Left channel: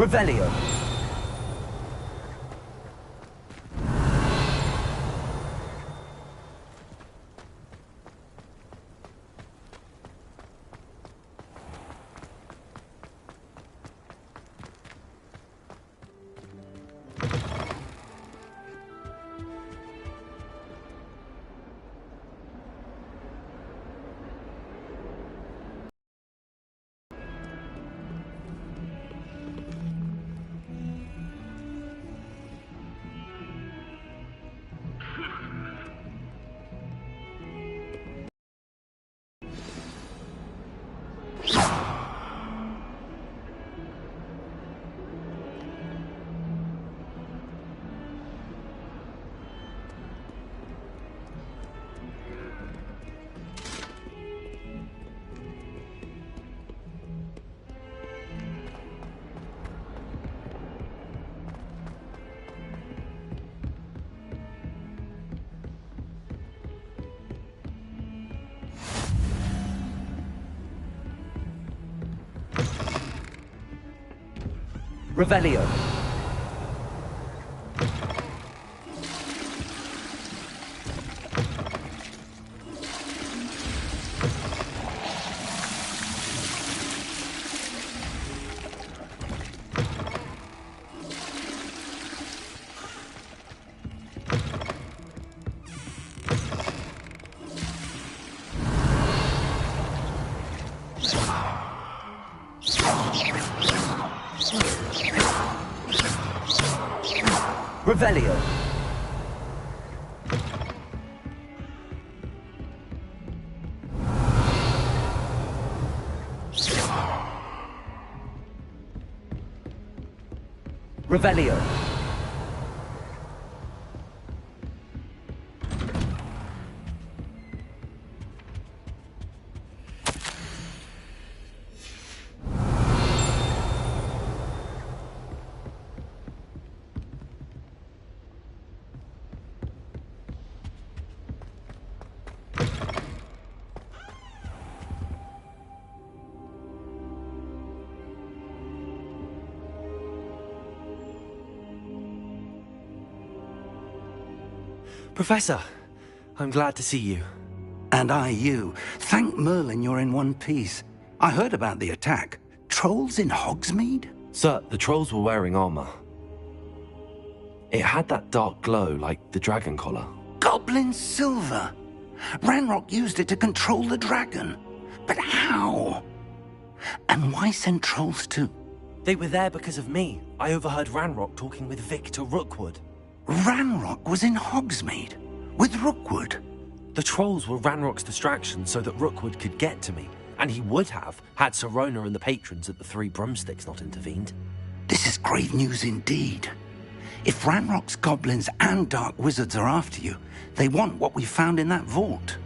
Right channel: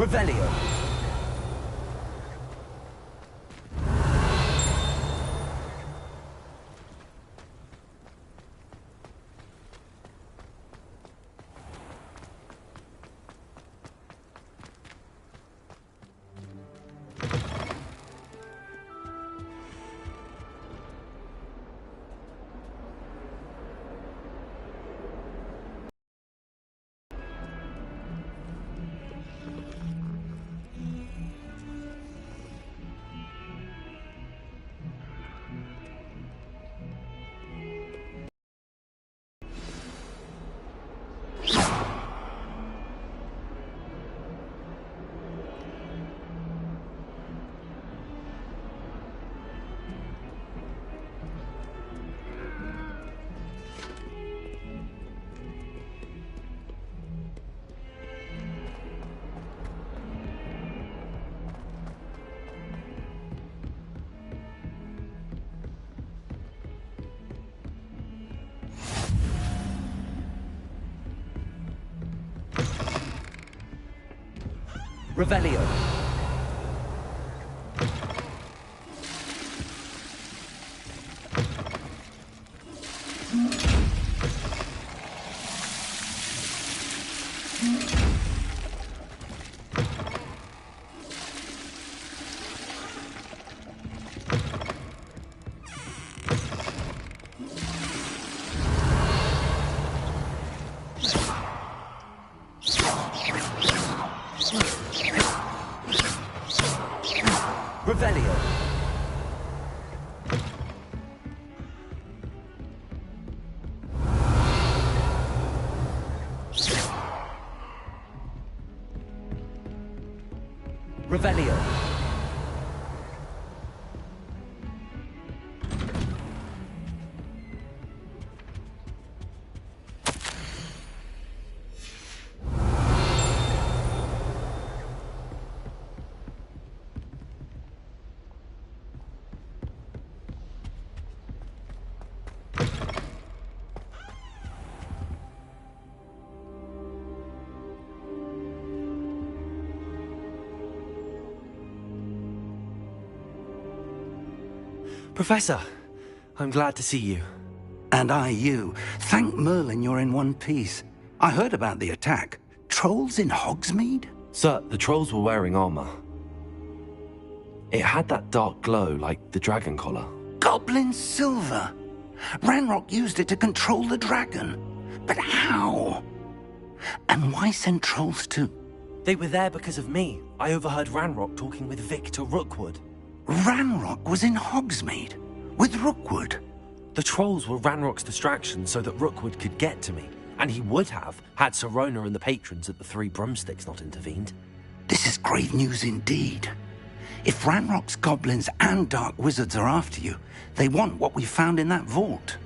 Revelio. Revelio. Revelio. Revelio. Professor, I'm glad to see you. And I you. Thank Merlin you're in one piece. I heard about the attack. Trolls in Hogsmeade? Sir, the trolls were wearing armor. It had that dark glow like the dragon collar. Goblin silver! Ranrock used it to control the dragon. But how? And why send trolls too? They were there because of me. I overheard Ranrock talking with Victor Rookwood. Ranrock was in Hogsmeade? With Rookwood? The trolls were Ranrock's distraction so that Rookwood could get to me. And he would have, had Sirona and the patrons at the Three Broomsticks not intervened. This is grave news indeed. If Ranrock's goblins and dark wizards are after you, they want what we found in that vault.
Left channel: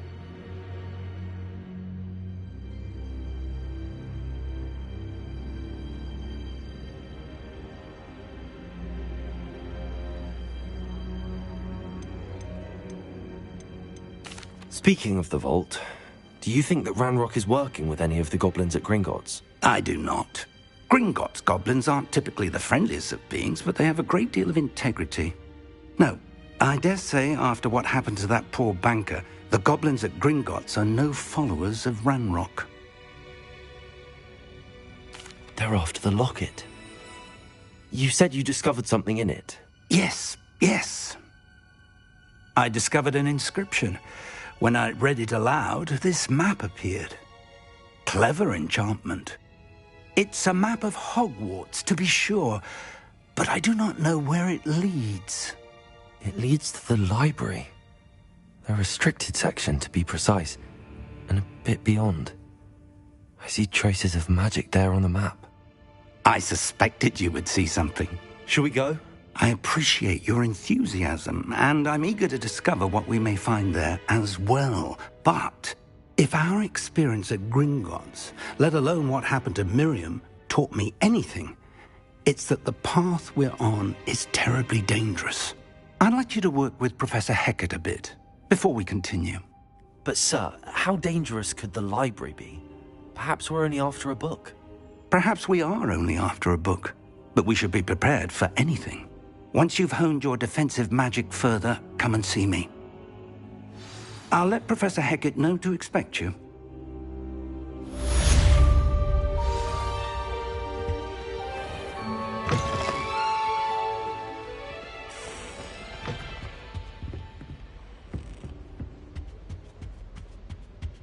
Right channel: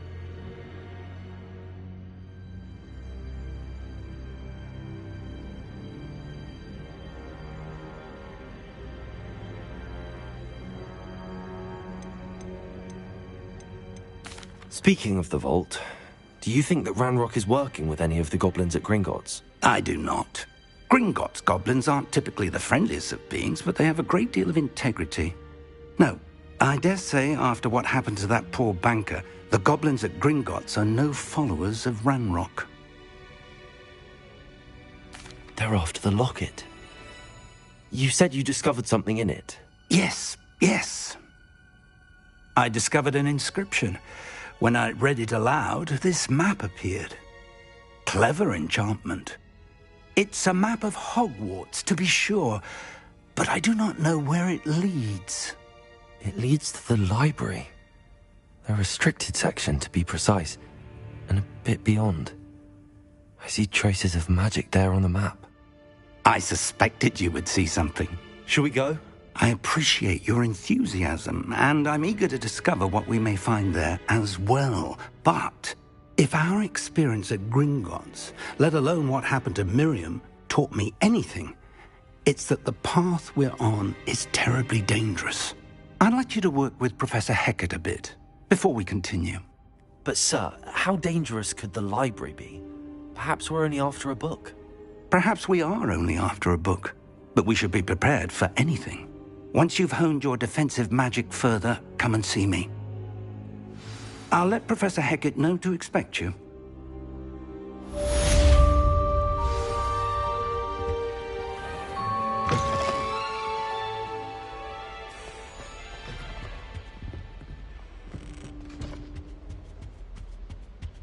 Speaking of the vault, do you think that Ranrock is working with any of the goblins at Gringotts? I do not. Gringotts goblins aren't typically the friendliest of beings, but they have a great deal of integrity. No, I dare say after what happened to that poor banker, the goblins at Gringotts are no followers of Ranrock. They're after the locket. You said you discovered something in it. Yes. I discovered an inscription. When I read it aloud, this map appeared. Clever enchantment. It's a map of Hogwarts, to be sure, but I do not know where it leads. It leads to the library. A restricted section, to be precise, and a bit beyond. I see traces of magic there on the map. I suspected you would see something. Shall we go? I appreciate your enthusiasm, and I'm eager to discover what we may find there as well. But if our experience at Gringotts, let alone what happened to Miriam, taught me anything, it's that the path we're on is terribly dangerous. I'd like you to work with Professor Hecat a bit before we continue. But sir, how dangerous could the library be? Perhaps we're only after a book. Perhaps we are only after a book. but we should be prepared for anything. Once you've honed your defensive magic further, come and see me. I'll let Professor Hecat know to expect you.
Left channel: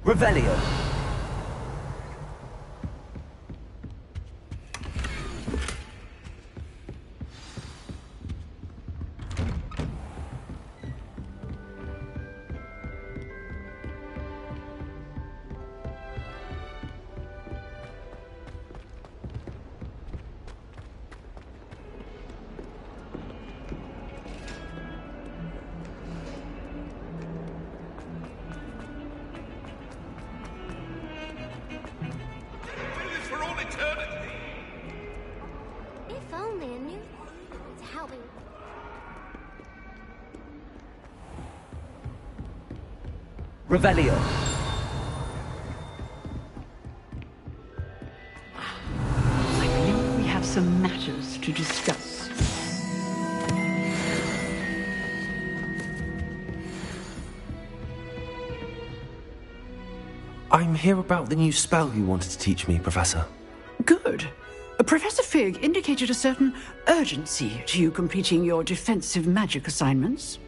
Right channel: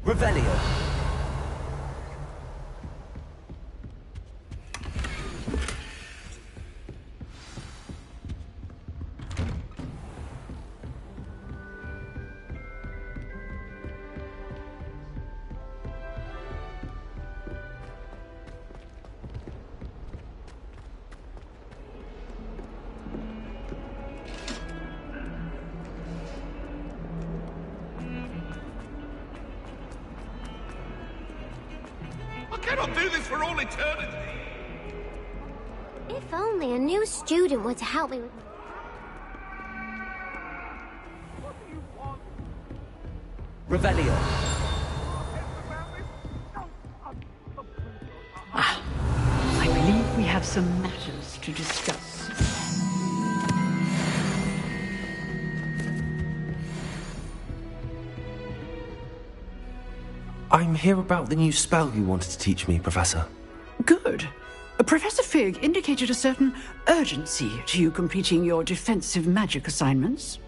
Revelio. If only a new student were to help me. Revelio. I believe we have some matters to discuss. I'm here about the new spell you wanted to teach me, Professor. Good. Professor Fig indicated a certain urgency to you completing your defensive magic assignments.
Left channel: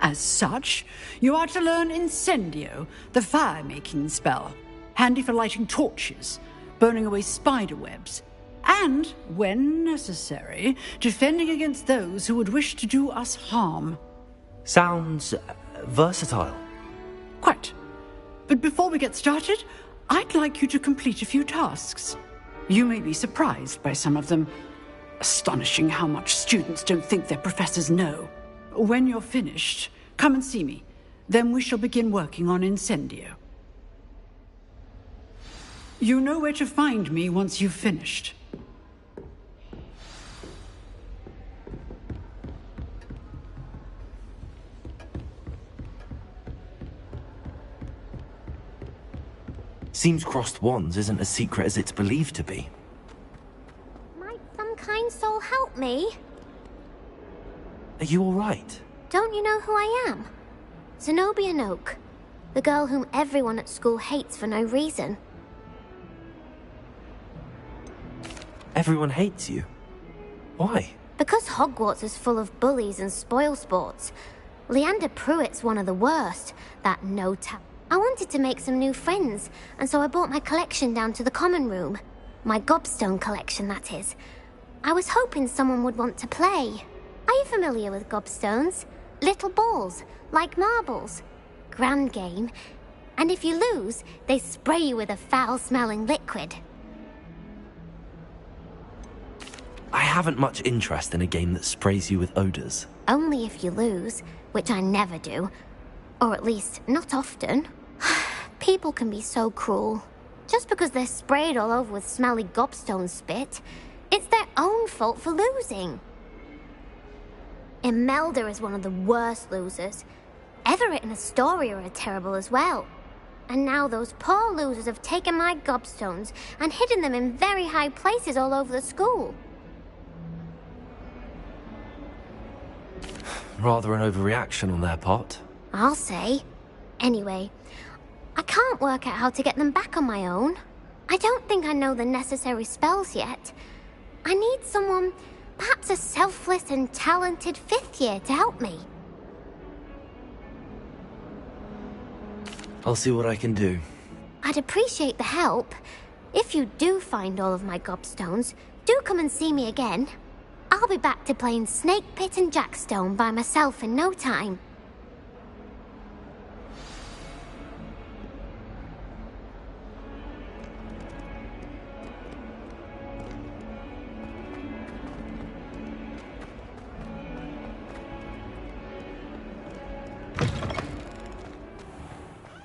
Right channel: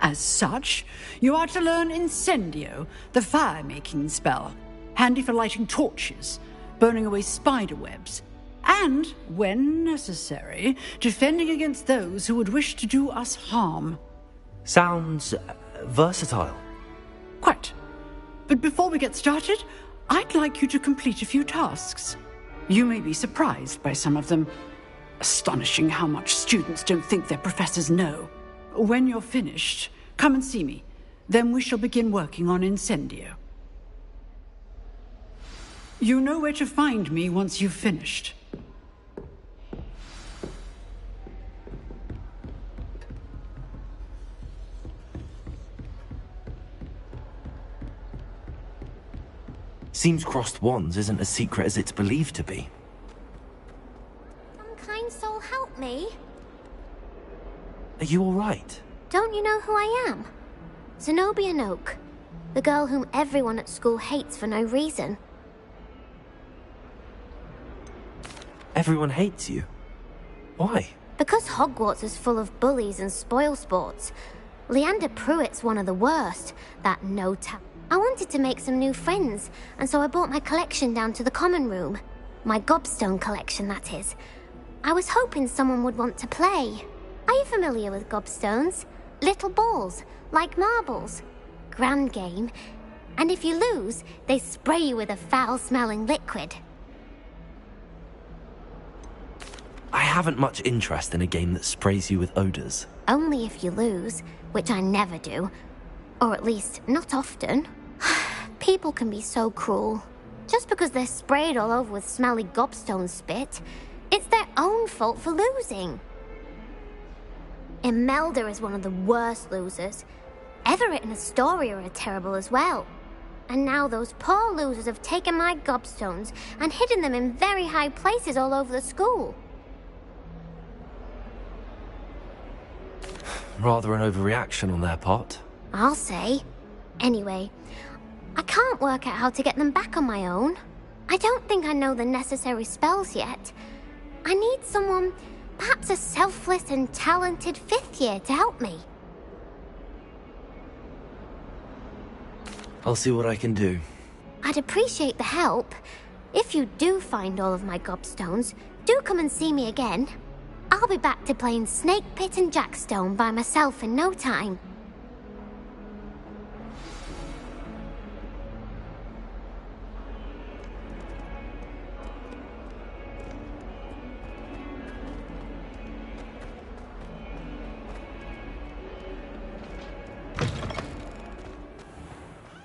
As such, you are to learn Incendio, the fire-making spell, handy for lighting torches, burning away spider webs, and, when necessary, defending against those who would wish to do us harm. Sounds versatile. Quite. But before we get started, I'd like you to complete a few tasks. You may be surprised by some of them. Astonishing how much students don't think their professors know. When you're finished, come and see me. Then we shall begin working on Incendio. You know where to find me once you've finished. Seems crossed wands isn't as secret as it's believed to be. Might some kind soul help me? Are you all right? Don't you know who I am? Zenobia Noak, the girl whom everyone at school hates for no reason. Everyone hates you. Why? Because Hogwarts is full of bullies and spoilsports. Leander Pruitt's one of the worst, that no-tap. I wanted to make some new friends, and so I brought my collection down to the common room. My gobstone collection, that is. I was hoping someone would want to play. Are you familiar with gobstones? Little balls, like marbles. Grand game. And if you lose, they spray you with a foul-smelling liquid. I haven't much interest in a game that sprays you with odors. Only if you lose, which I never do. Or at least, not often. People can be so cruel. Just because they're sprayed all over with smelly gobstone spit, it's their own fault for losing. Imelda is one of the worst losers. Everett and Astoria are terrible as well. And now those poor losers have taken my gobstones and hidden them in very high places all over the school. Rather an overreaction on their part. I'll say. Anyway, I can't work out how to get them back on my own. I don't think I know the necessary spells yet. I need someone, perhaps a selfless and talented fifth year to help me. I'll see what I can do. I'd appreciate the help. If you do find all of my gobstones, do come and see me again. I'll be back to playing Snake Pit and Jackstone by myself in no time.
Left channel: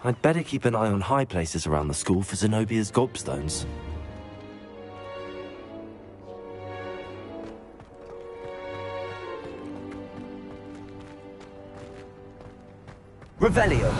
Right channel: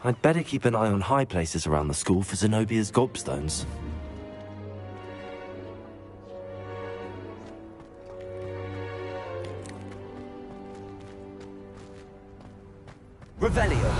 I'd better keep an eye on high places around the school for Zenobia's gobstones. Revelio.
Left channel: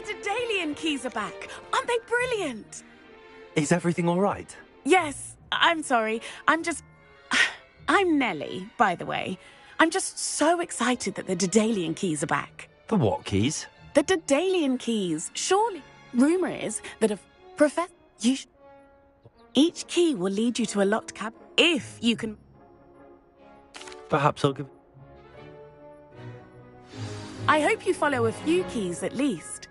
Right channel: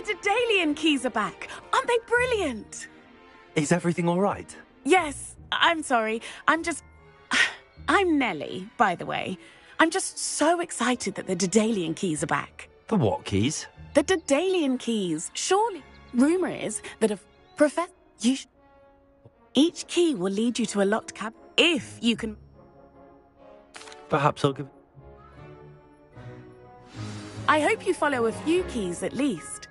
The Daedalian keys are back. Aren't they brilliant? Is everything all right? Yes, I'm sorry. I'm Nellie, by the way. I'm just so excited that the Daedalian keys are back. The what keys? The Daedalian keys. Surely. Rumor is that each key will lead you to a locked cab if you can... Perhaps I'll give... I hope you follow a few keys at least.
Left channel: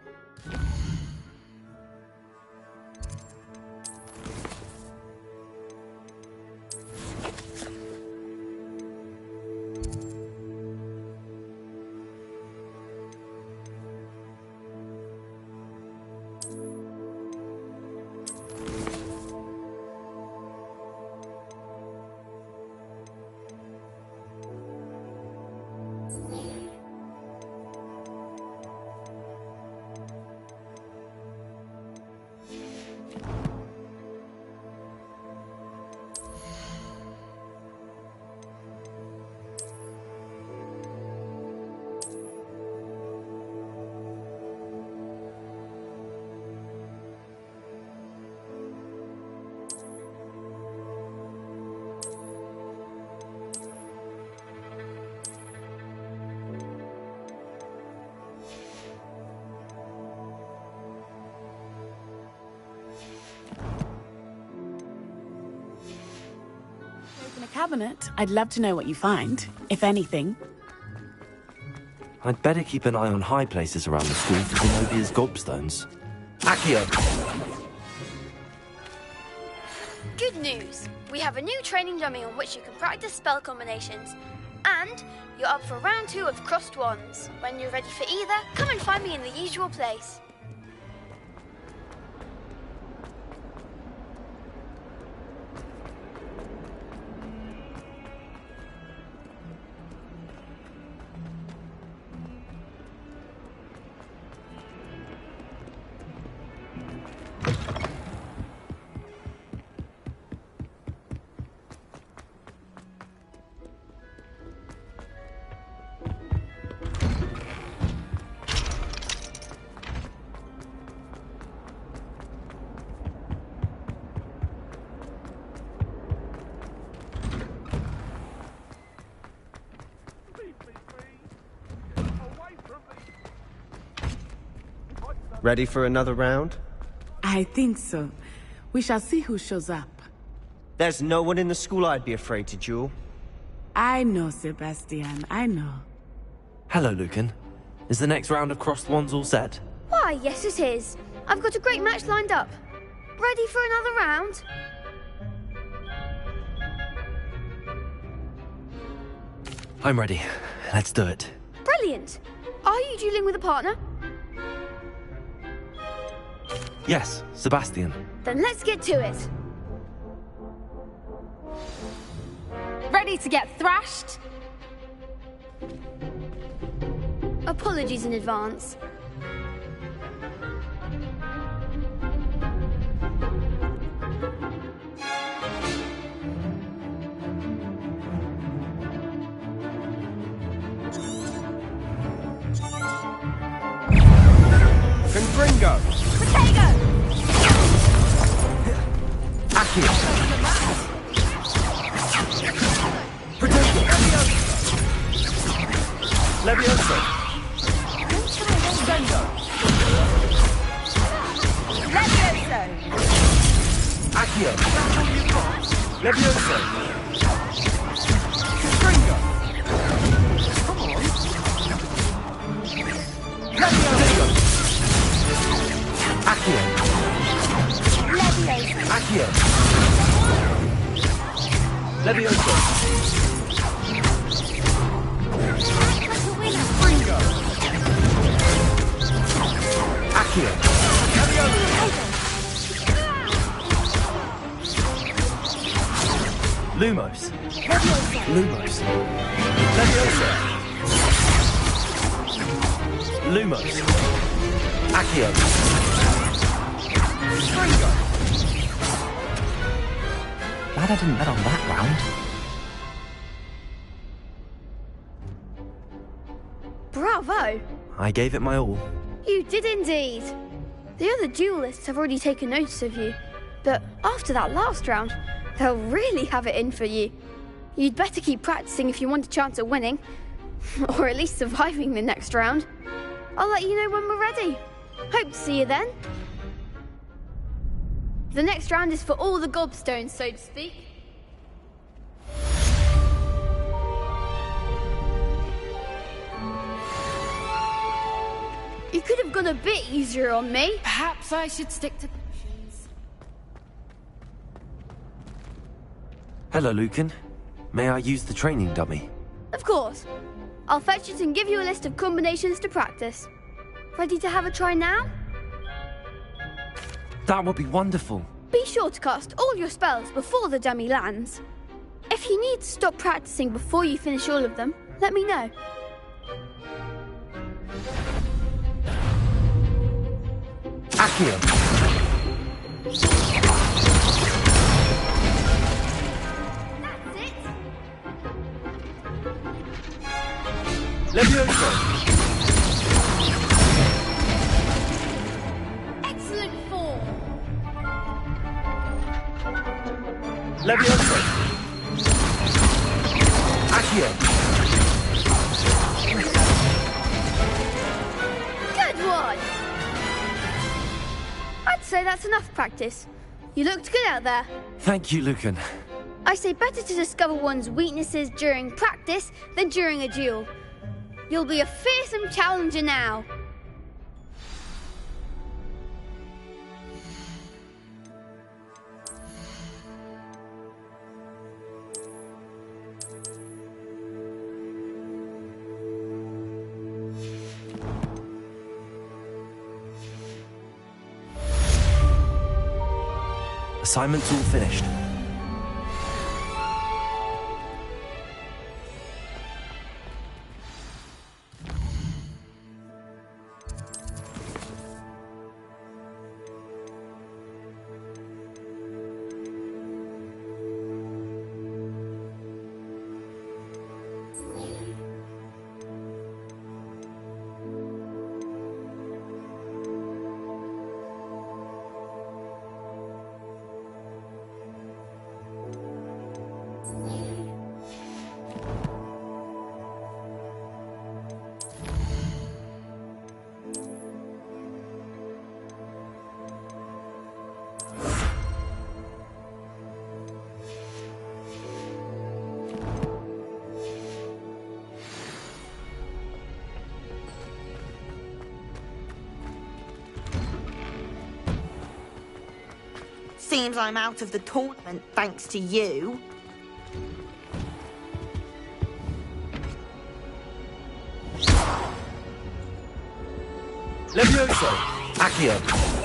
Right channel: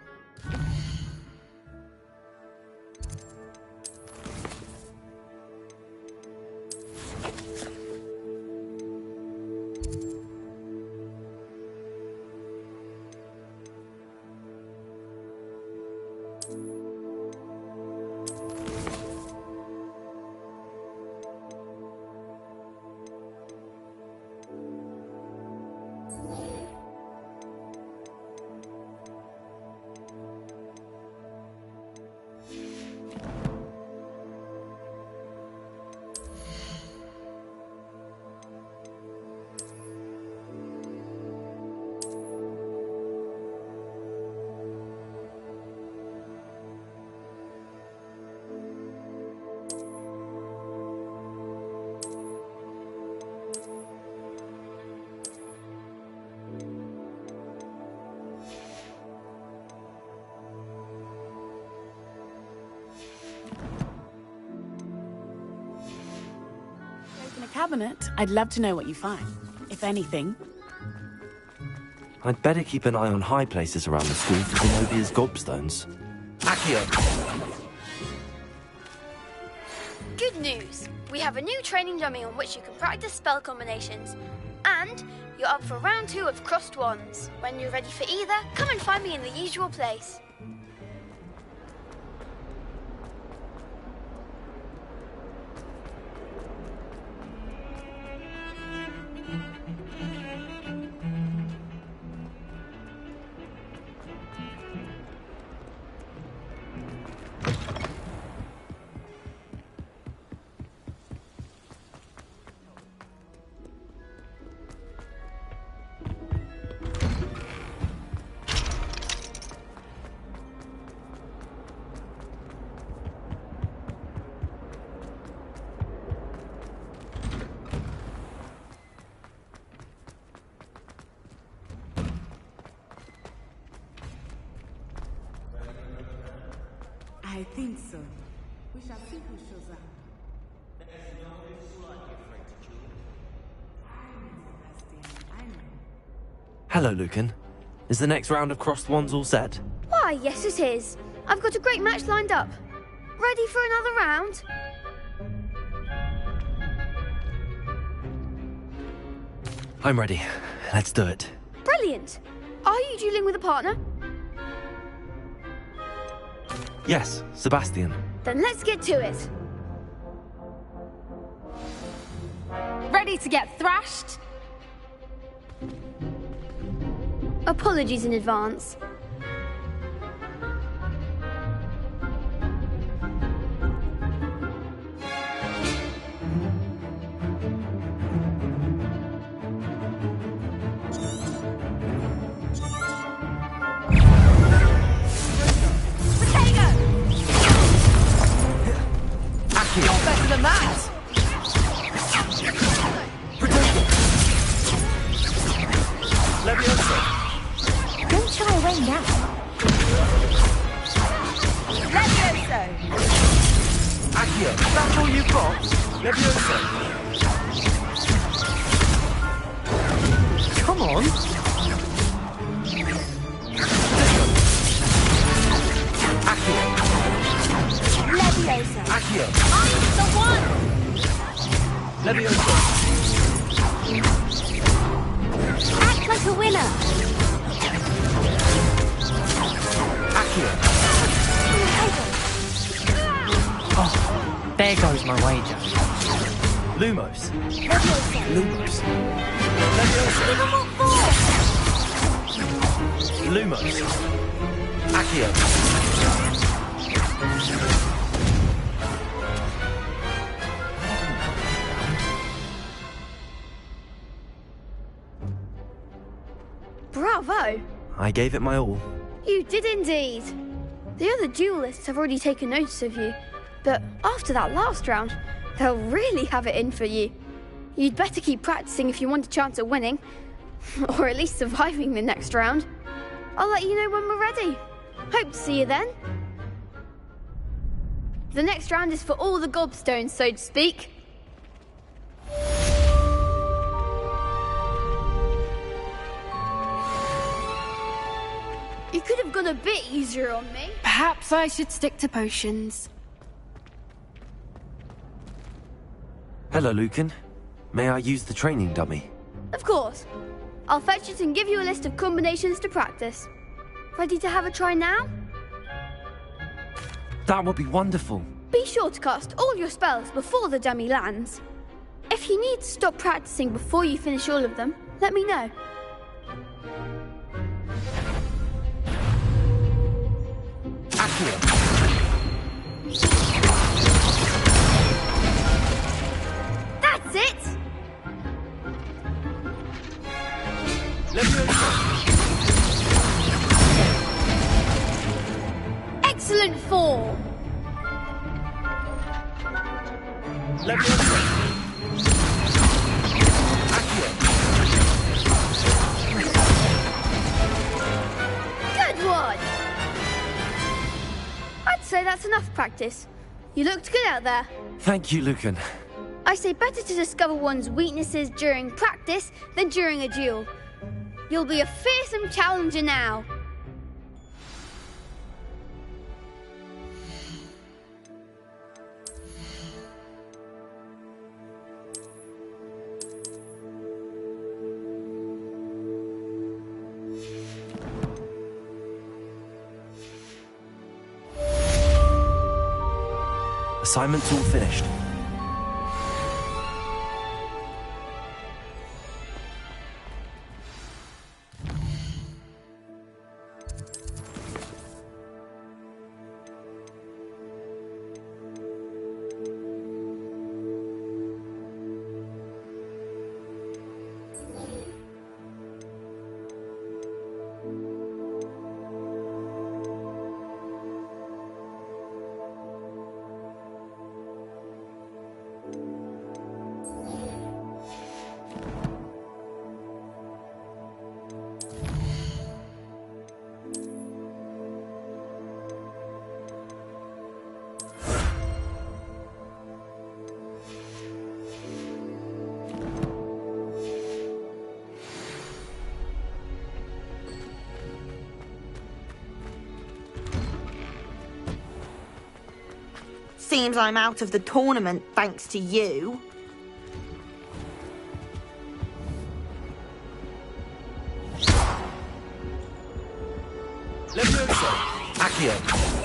Open a cabinet. I'd love to know what you find, if anything. I'd better keep an eye on high places around the school for Zenobia's gobstones. Accio! Good news! We have a new training dummy on which you can practice spell combinations. And you're up for round 2 of Crossed Wands. When you're ready for either, come and find me in the usual place. Ready for another round? I think so. We shall see who shows up. There's no one in the school I'd be afraid to duel. I know, Sebastian. I know. Hello, Lucan. Is the next round of Crossed Wands all set? Why, yes it is. I've got a great match lined up. Ready for another round? I'm ready. Let's do it. Brilliant. Are you dueling with a partner? Yes, Sebastian. Then let's get to it. Ready to get thrashed? Apologies in advance. Lumos. Lumos. Levioso. Lumos. Accio. Glad I didn't bet on that round. Bravo! I gave it my all. You did indeed. The other duelists have already taken notice of you, but after that last round, they'll really have it in for you. You'd better keep practicing if you want a chance at winning, or at least surviving the next round. I'll let you know when we're ready. Hope to see you then. The next round is for all the gobstones, so to speak. You could have gone a bit easier on me. Perhaps I should stick to potions. Hello, Lucan. May I use the training dummy? Of course. I'll fetch it and give you a list of combinations to practice. Ready to have a try now? That would be wonderful. Be sure to cast all your spells before the dummy lands. If you need to stop practicing before you finish all of them, let me know. Accio. That's it! Levioso. Excellent form! Levioso. Accio. Good one! I'd say that's enough practice. You looked good out there. Thank you, Lucan. I say better to discover one's weaknesses during practice than during a duel. You'll be a fearsome challenger now. Assignment's all finished. Seems I'm out of the tournament thanks to you. Levioso. Accio.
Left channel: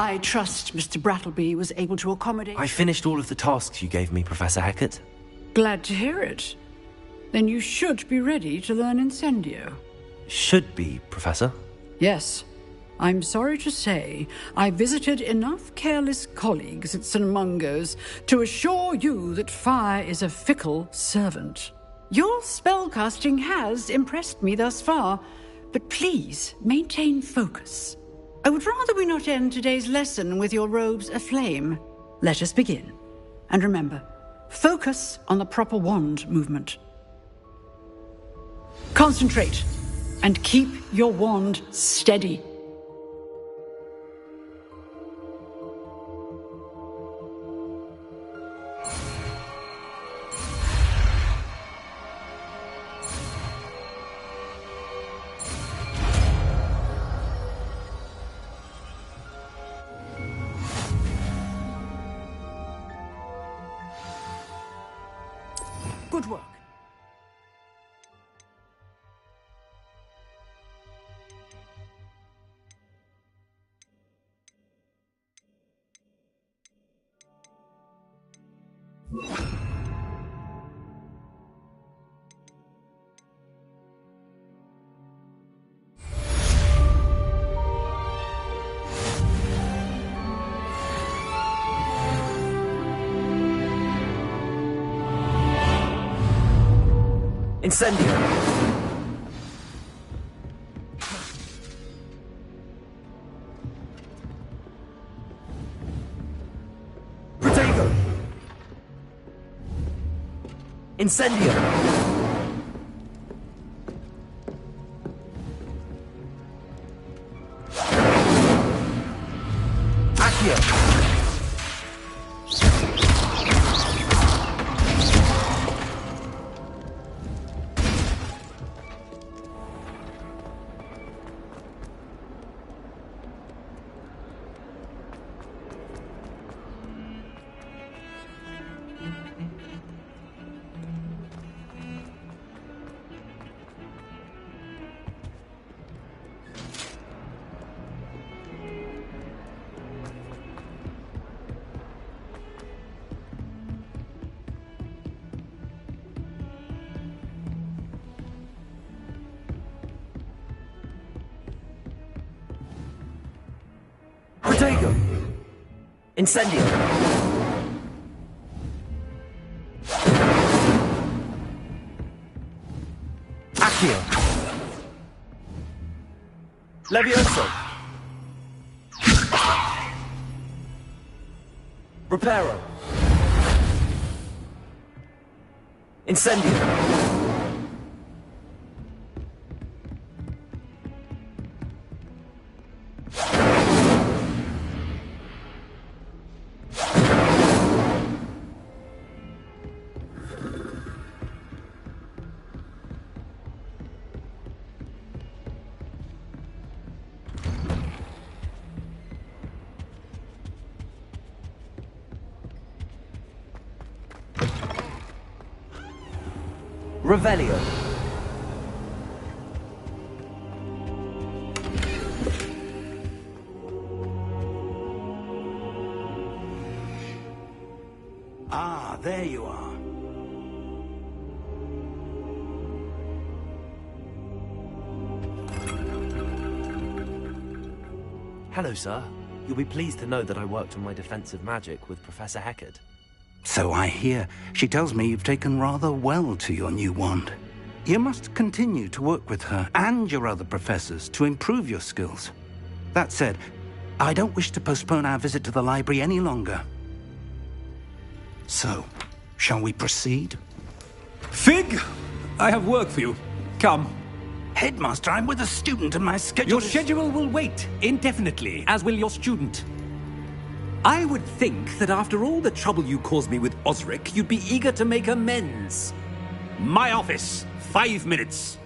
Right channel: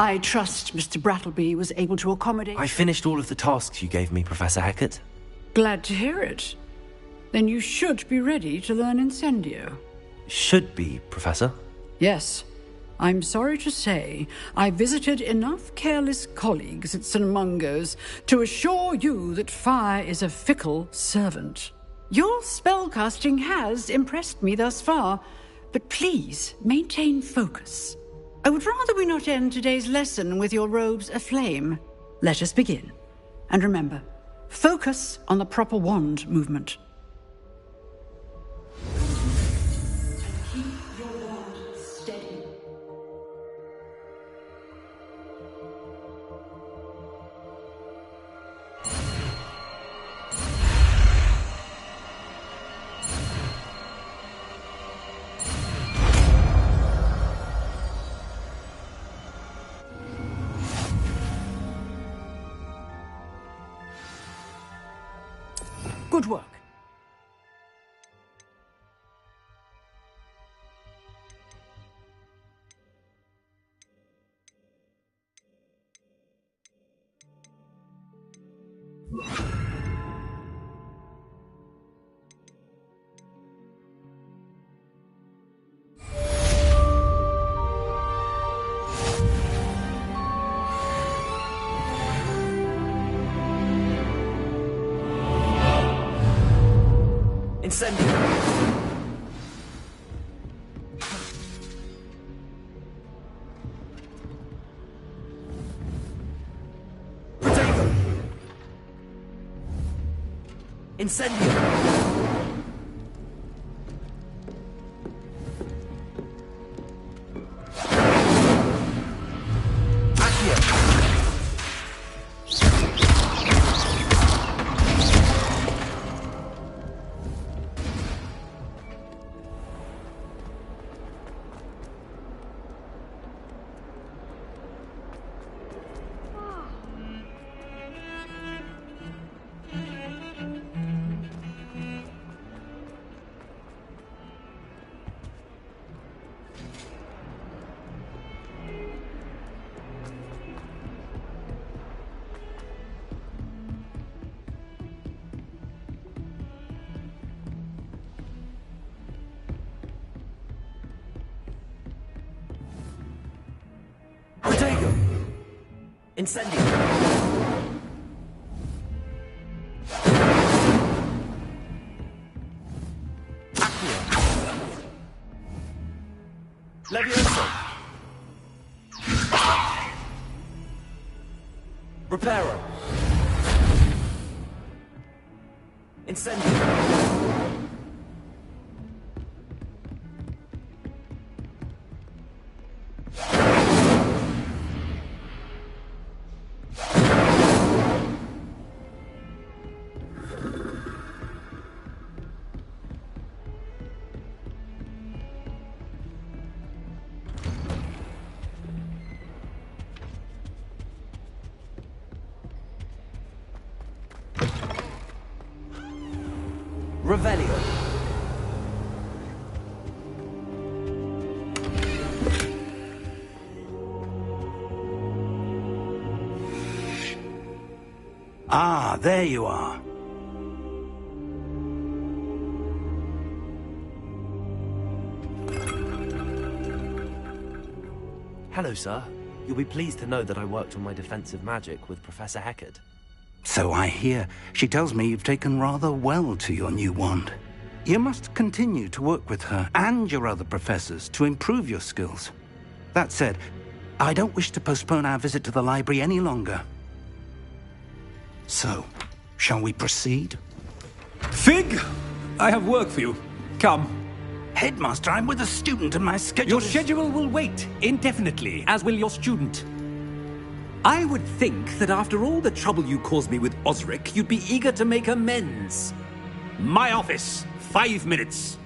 I trust Mr. Brattleby was able to accommodate... I finished all of the tasks you gave me, Professor Hecat. Glad to hear it. Then you should be ready to learn Incendio. Should be, Professor. Yes. I'm sorry to say, I visited enough careless colleagues at St. Mungo's to assure you that fire is a fickle servant. Your spellcasting has impressed me thus far, but please maintain focus. I would rather we not end today's lesson with your robes aflame. Let us begin. And remember, focus on the proper wand movement. Concentrate, and keep your wand steady. Good work. Incendio. Protego. Incendio. Accio. Protego. Incendio. Accio. Levioso. Reparo. Incendio. Revelio. Ah, there you are. Hello, sir. You'll be pleased to know that I worked on my defensive magic with Professor Heckard. So I hear. She tells me you've taken rather well to your new wand. You must continue to work with her and your other professors to improve your skills. That said, I don't wish to postpone our visit to the library any longer. So, shall we proceed? Fig! I have work for you. Come. Headmaster, I'm with a student and my schedule Your schedule will wait indefinitely, as will your student. I would think that after all the trouble you caused me with Osric, you'd be eager to make amends. My office, 5 minutes.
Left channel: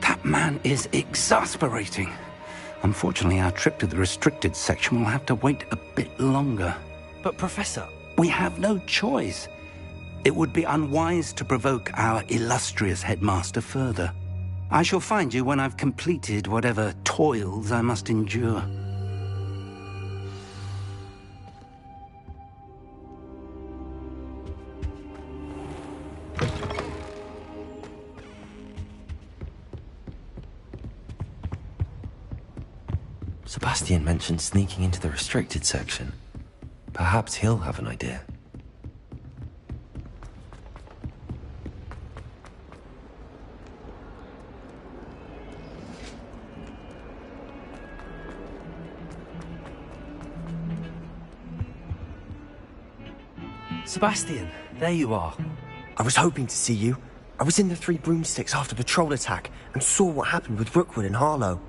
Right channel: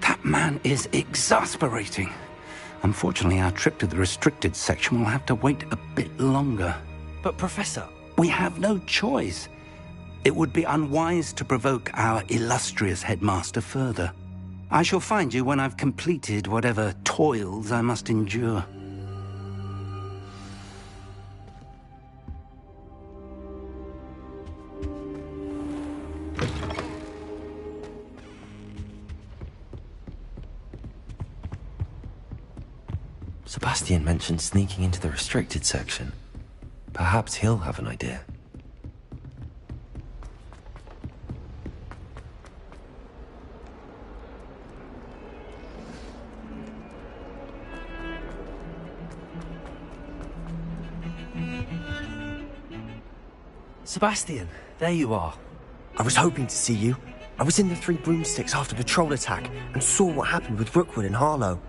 That man is exasperating. Unfortunately, our trip to the restricted section will have to wait a bit longer. But, Professor... We have no choice. It would be unwise to provoke our illustrious headmaster further. I shall find you when I've completed whatever toils I must endure. Sebastian mentioned sneaking into the restricted section. Perhaps he'll have an idea. Sebastian, there you are. I was hoping to see you. I was in the Three Broomsticks after the troll attack and saw what happened with Rookwood and Harlow.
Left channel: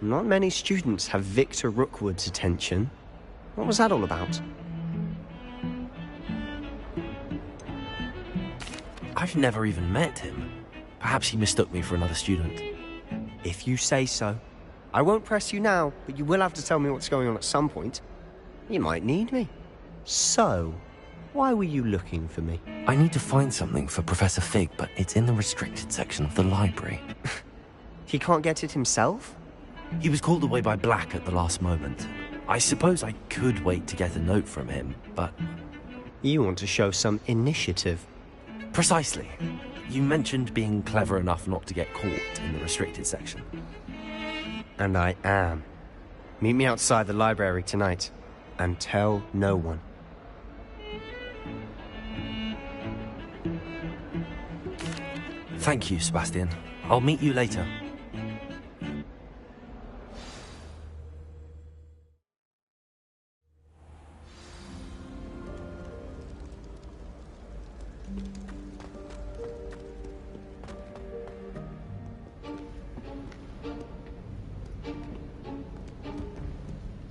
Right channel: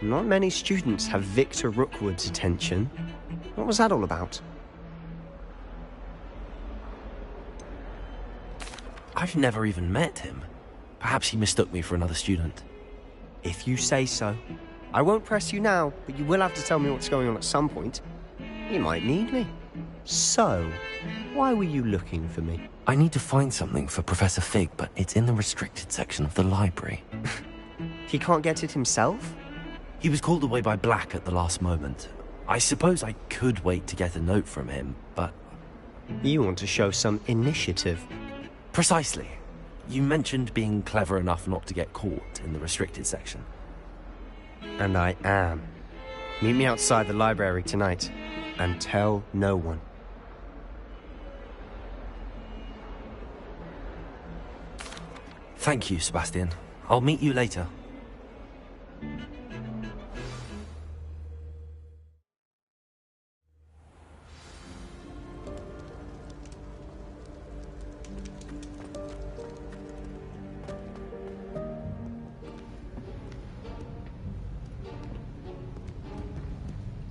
Not many students have Victor Rookwood's attention. What was that all about? I've never even met him. Perhaps he mistook me for another student. If you say so. I won't press you now, but you will have to tell me what's going on at some point. You might need me. So, why were you looking for me? I need to find something for Professor Fig, but it's in the restricted section of the library. He can't get it himself? He was called away by Black at the last moment. I suppose I could wait to get a note from him, but... You want to show some initiative. Precisely. You mentioned being clever enough not to get caught in the restricted section. And I am. Meet me outside the library tonight, and tell no one. Thank you, Sebastian. I'll meet you later.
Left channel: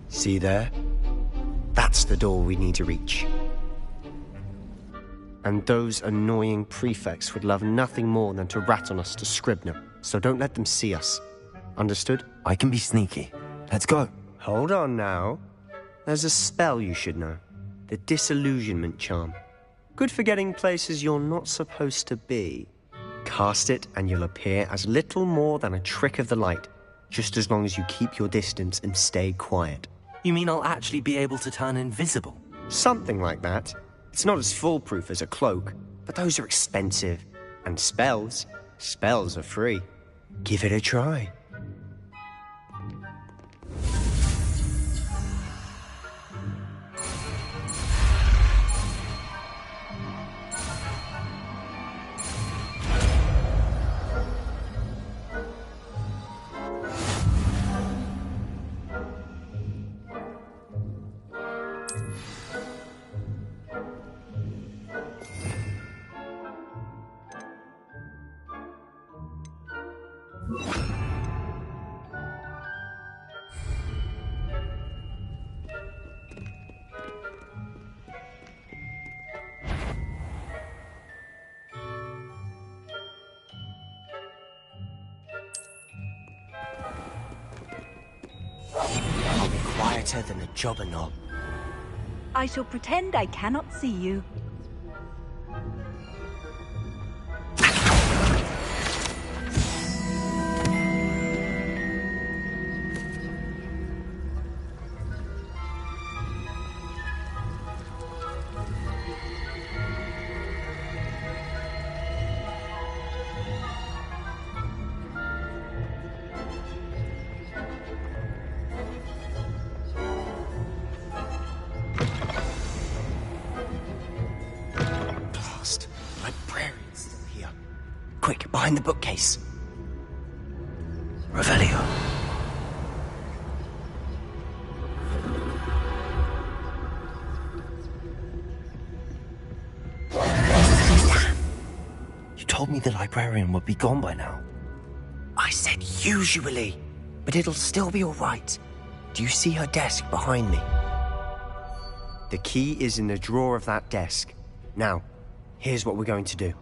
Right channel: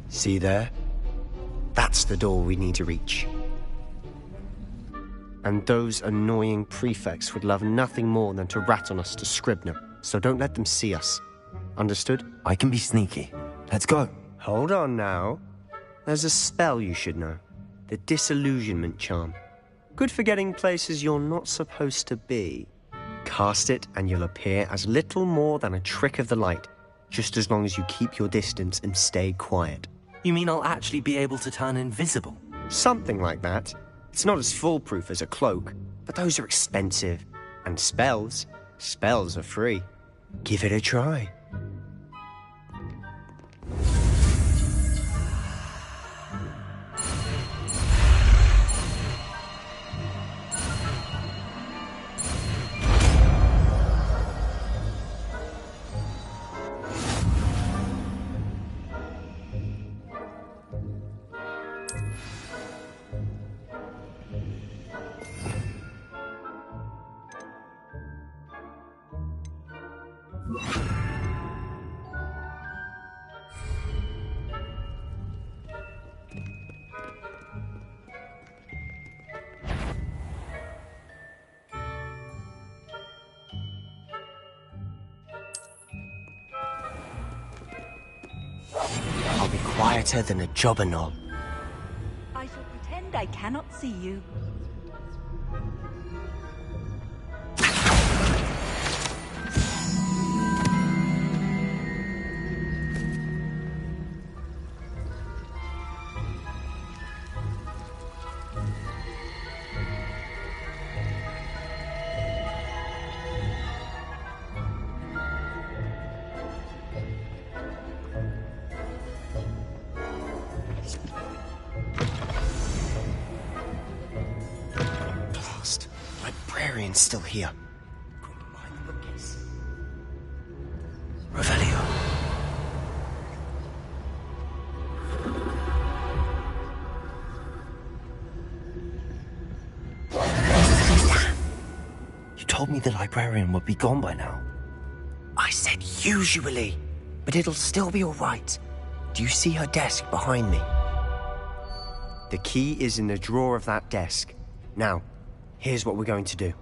See there? That's the door we need to reach. And those annoying prefects would love nothing more than to rat on us to Scribner, so don't let them see us. Understood? I can be sneaky. Let's go. Hold on now. There's a spell you should know. The Disillusionment Charm. Good for getting places you're not supposed to be. Cast it and you'll appear as little more than a trick of the light, just as long as you keep your distance and stay quiet. You mean I'll actually be able to turn invisible? Something like that. It's not as foolproof as a cloak, but those are expensive. And spells are free. Give it a try. I'll be quieter than a jobber knob. I shall pretend I cannot see you. Still here. Quick, behind the bookcase. Revelio. You told me the librarian would be gone by now. I said usually, but it'll still be all right. Do you see her desk behind me? The key is in the drawer of that desk. Now, here's what we're going to do.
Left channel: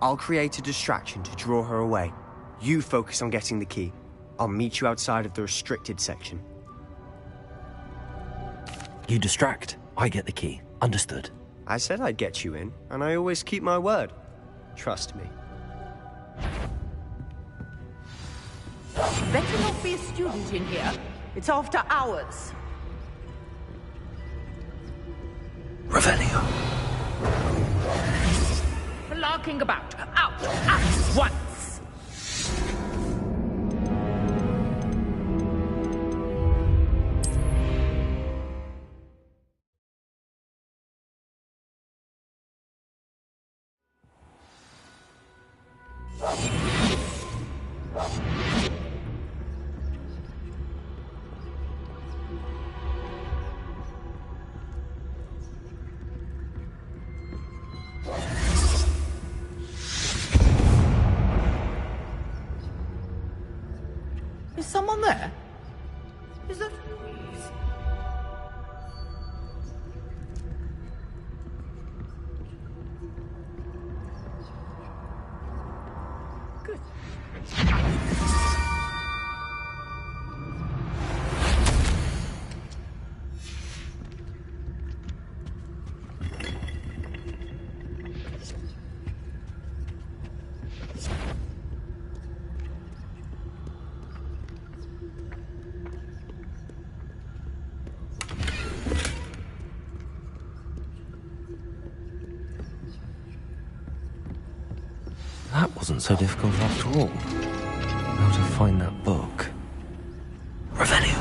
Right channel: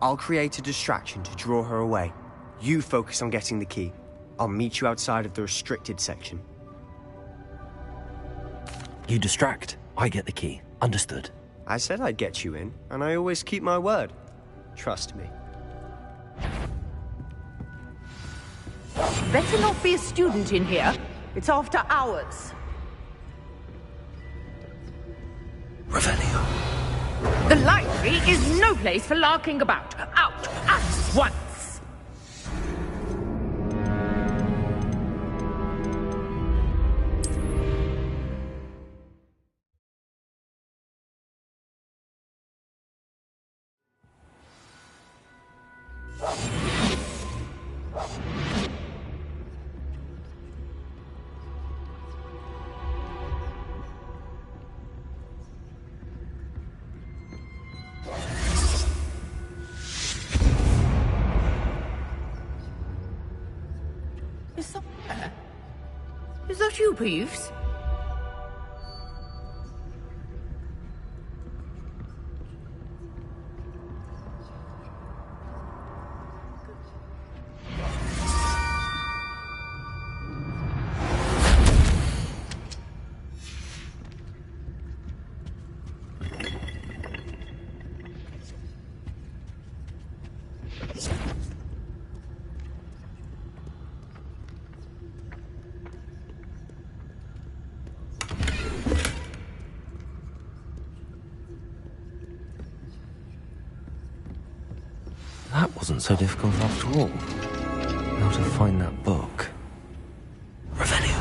I'll create a distraction to draw her away. You focus on getting the key. I'll meet you outside of the restricted section. You distract, I get the key. Understood. I said I'd get you in, and I always keep my word. Trust me. Better not be a student in here. It's after hours. Revelio. The library is no place for larking about. Out at once! Is someone there? Is that you, Peeves? Good. That wasn't so difficult after all. How to find that book. Revelio.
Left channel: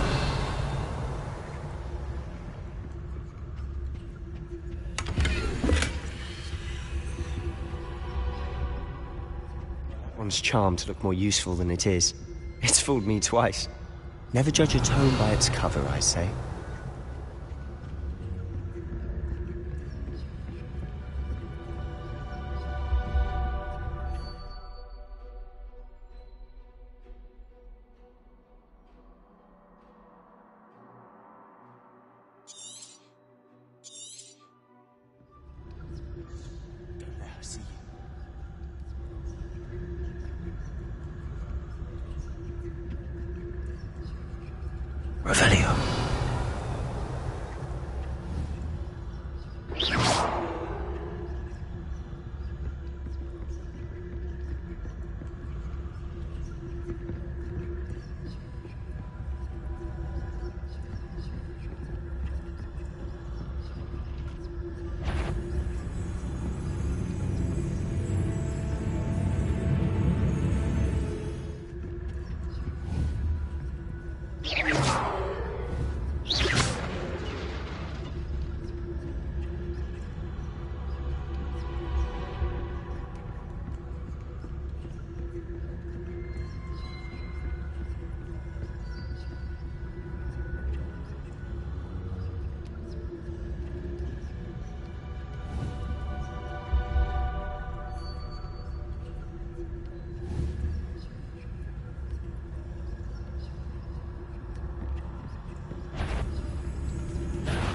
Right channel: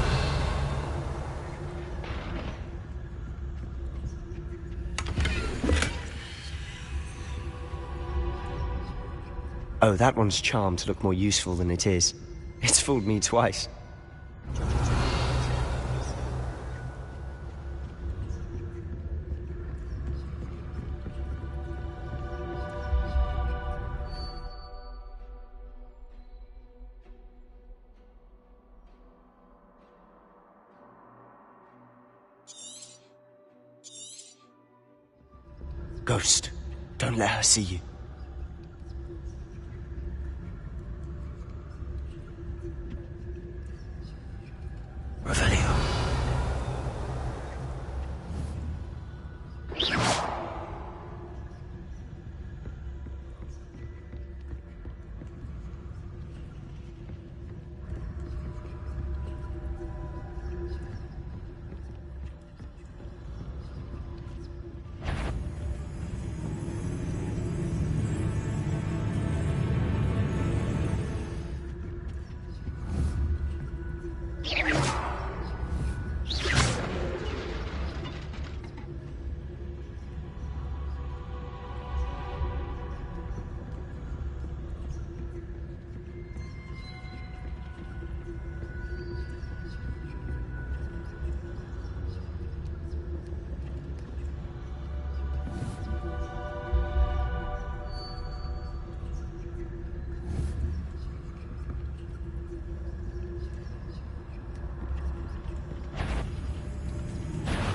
Oh, that one's charmed to look more useful than it is. It's fooled me twice. Never judge a tome by its cover, I say. Ghost, don't let her see you. Revelio.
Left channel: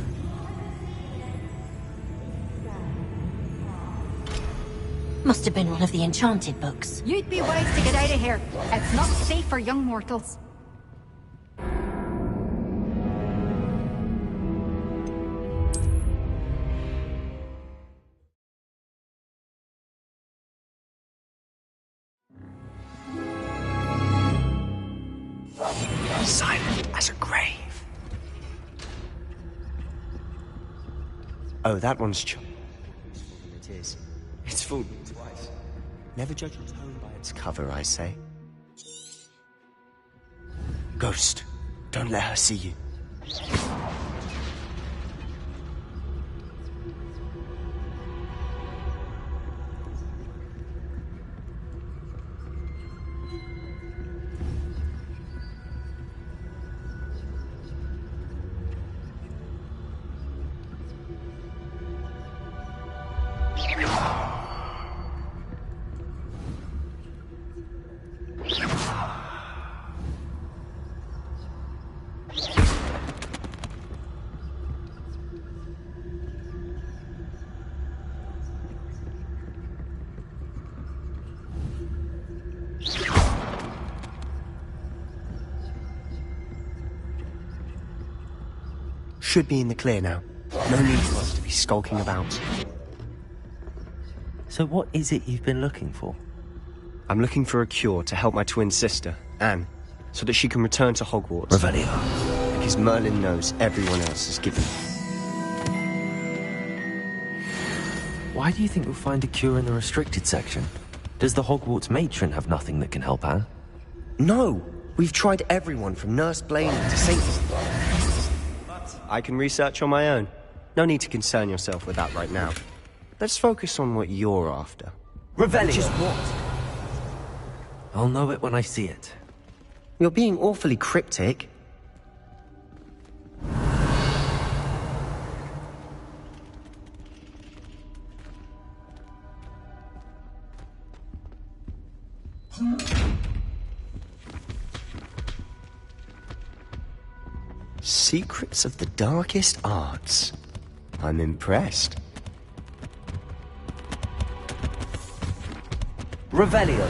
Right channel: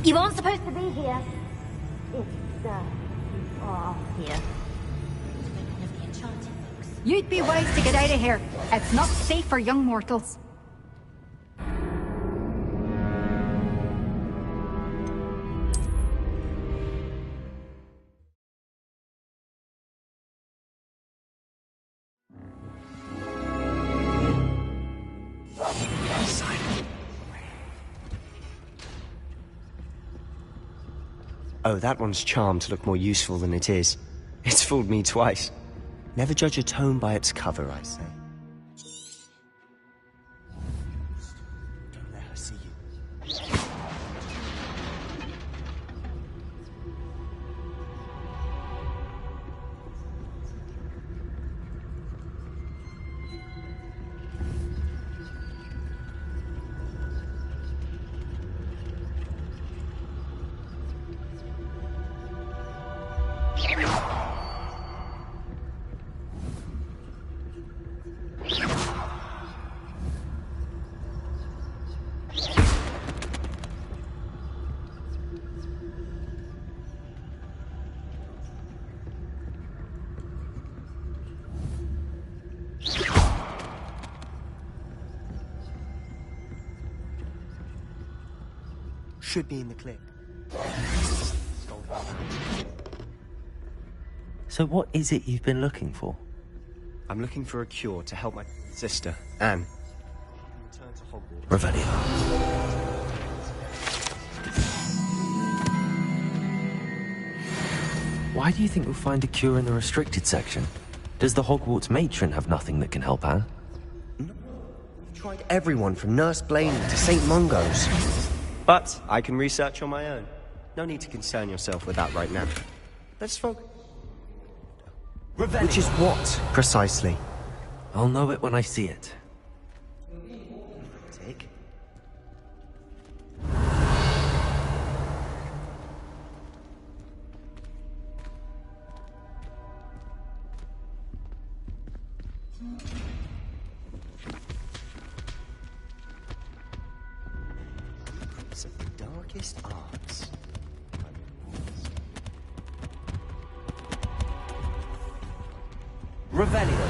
You aren't supposed to be here. It's, here. Must have been one of the enchanted books. You'd be wise to get out of here. It's not safe for young mortals. Silent as a grave. Oh, that one's charmed to look more useful than it is. It's fooled me twice. Never judge a tome by its cover, I say. Ghost, don't let her see you. Should be in the clear now. No need for us to be skulking about. So what is it you've been looking for? I'm looking for a cure to help my twin sister, Anne, so that she can return to Hogwarts. Revelio. Because Merlin knows everyone else is given. Why do you think we'll find a cure in the restricted section? Does the Hogwarts matron have nothing that can help Anne? No! We've tried everyone from Nurse Blaney to St. Mungo's. But I can research on my own. No need to concern yourself with that right now. Let's focus on what you're after. Revelio. Which is what, precisely? I'll know it when I see it. You're being awfully cryptic. Secrets of the darkest arts. I'm impressed. Revelio.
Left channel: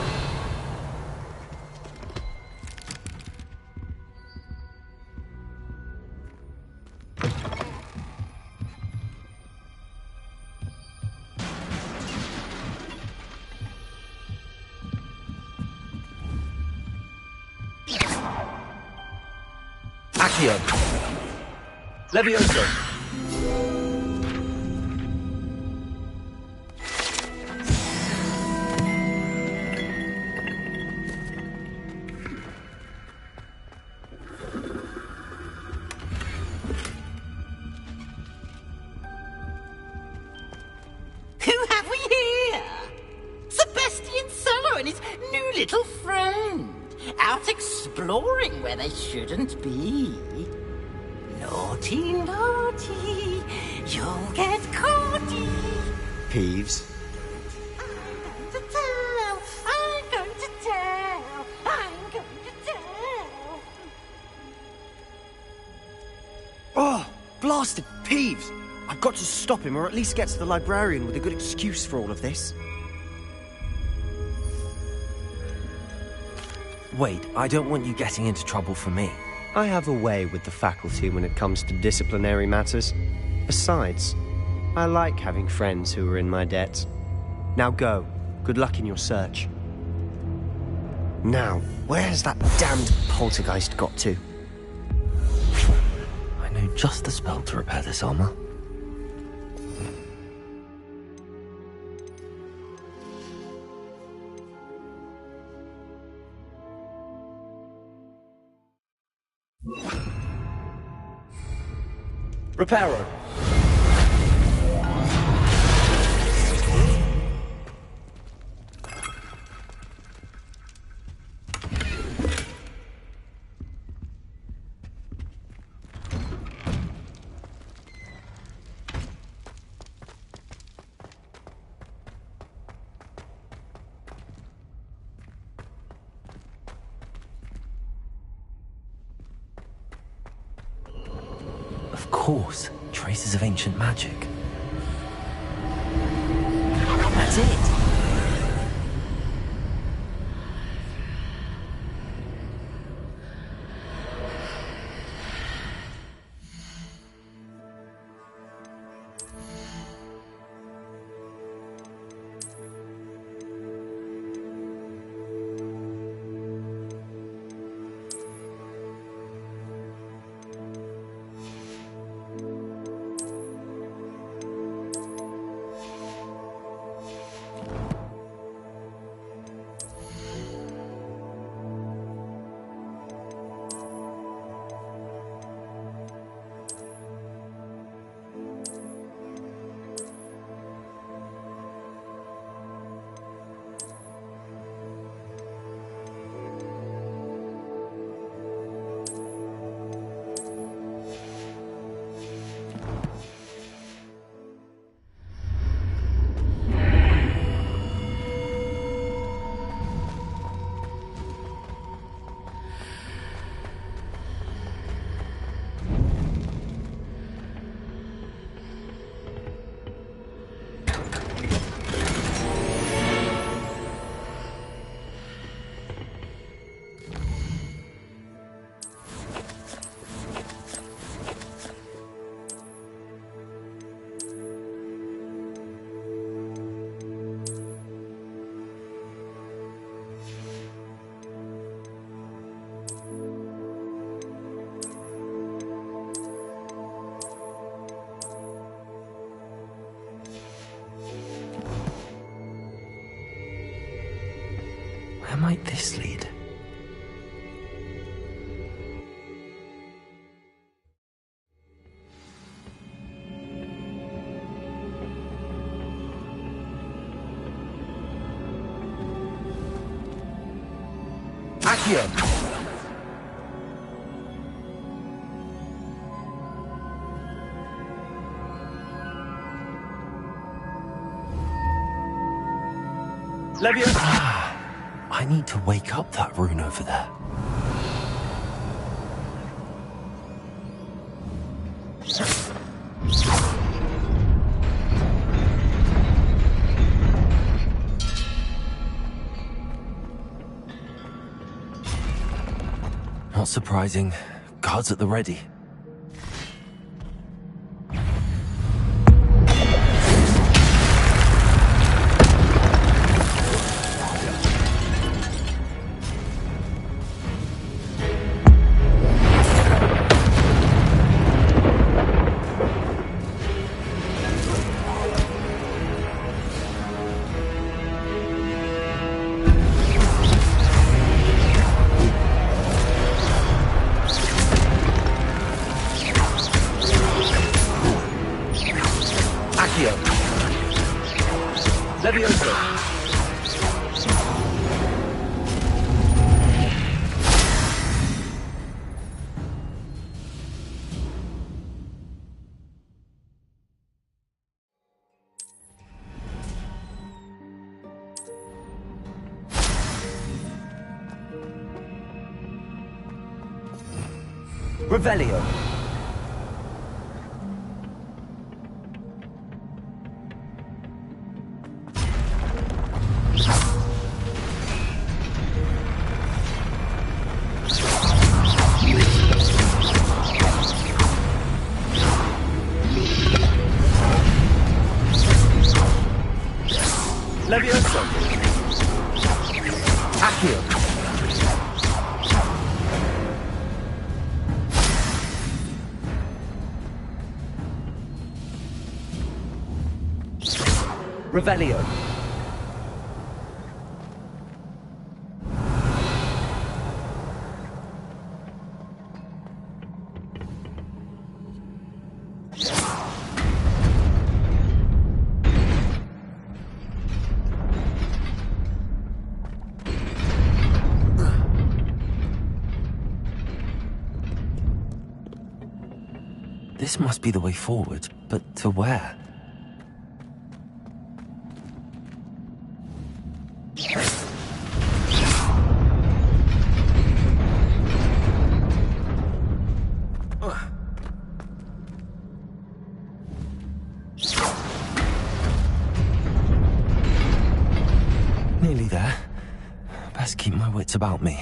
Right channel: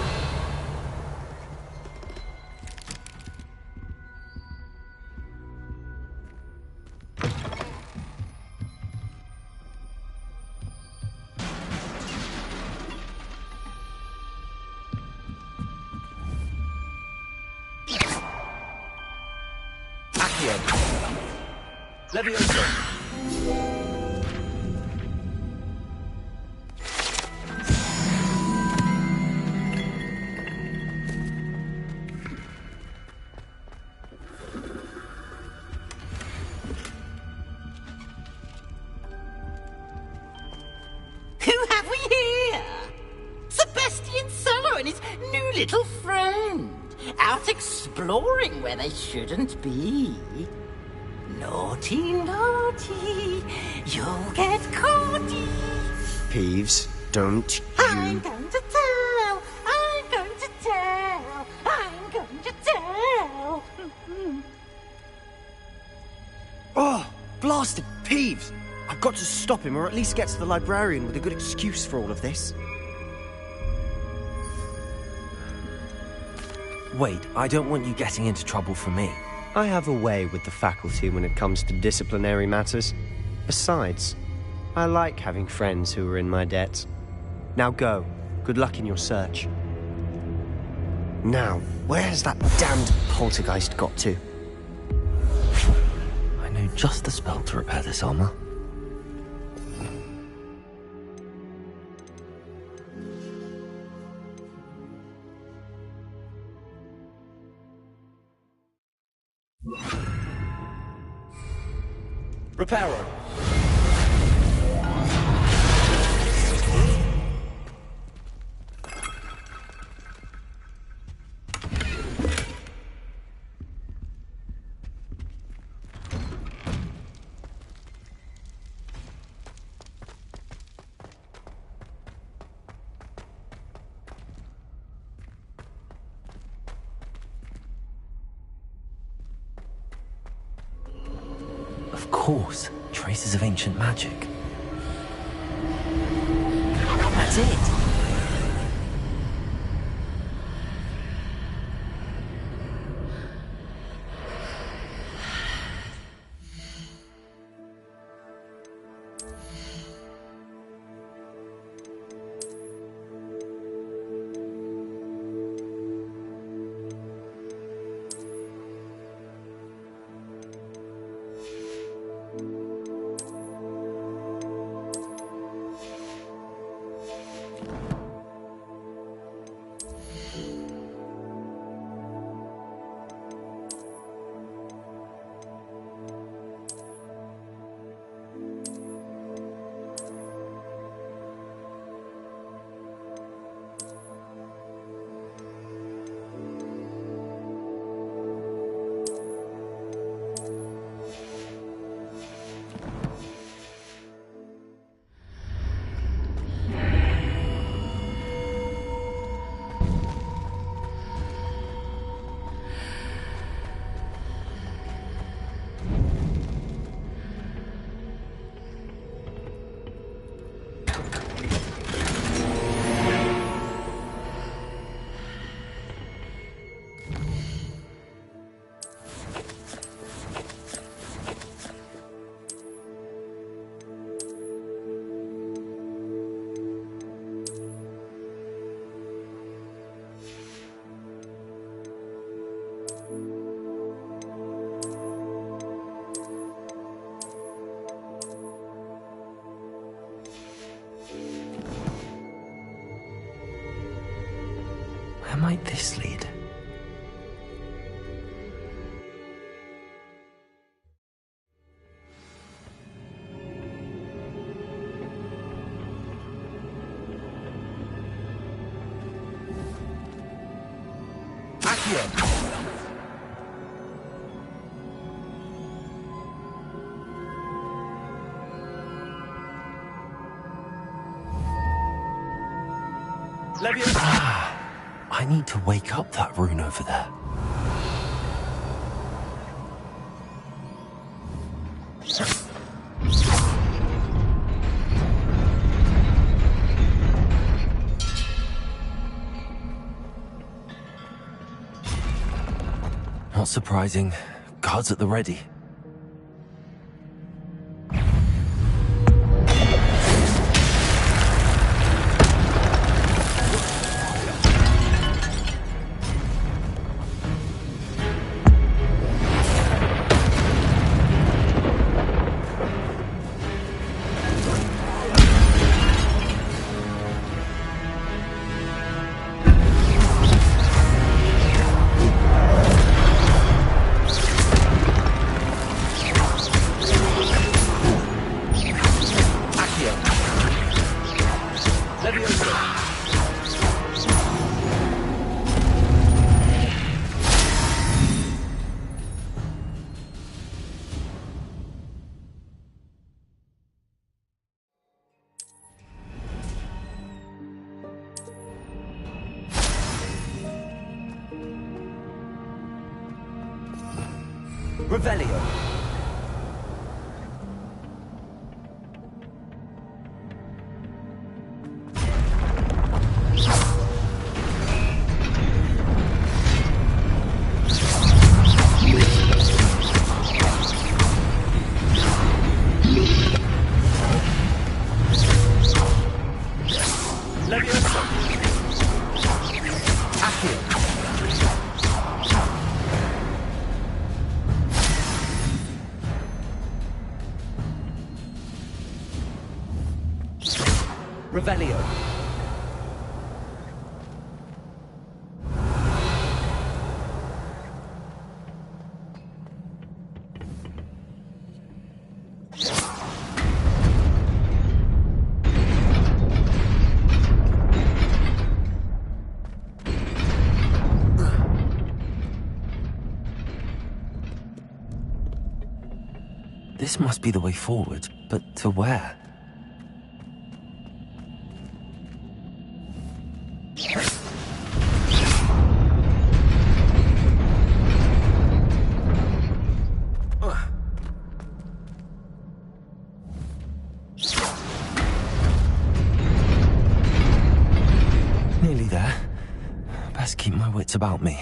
Accio. Levioso. and his new little friend, out exploring where they shouldn't be. Naughty, naughty, you'll get caughty. Peeves, don't you... I'm going to tell, I'm going to tell, I'm going to tell. Oh, blasted Peeves! I've got to stop him, or at least get to the librarian with a good excuse for all of this. Wait, I don't want you getting into trouble for me. I have a way with the faculty when it comes to disciplinary matters. Besides, I like having friends who are in my debt. Now go. Good luck in your search. Now, where has that damned poltergeist got to? I know just the spell to repair this armor. Reparo. Of course, traces of ancient magic. That's it! Where might this lead? Accio. Leviosa. I need to wake up that rune over there. Not surprising. Guards at the ready. Revelio. Levioso. Accio. Revelio. This must be the way forward, but to where? Nearly there. Best keep my wits about me.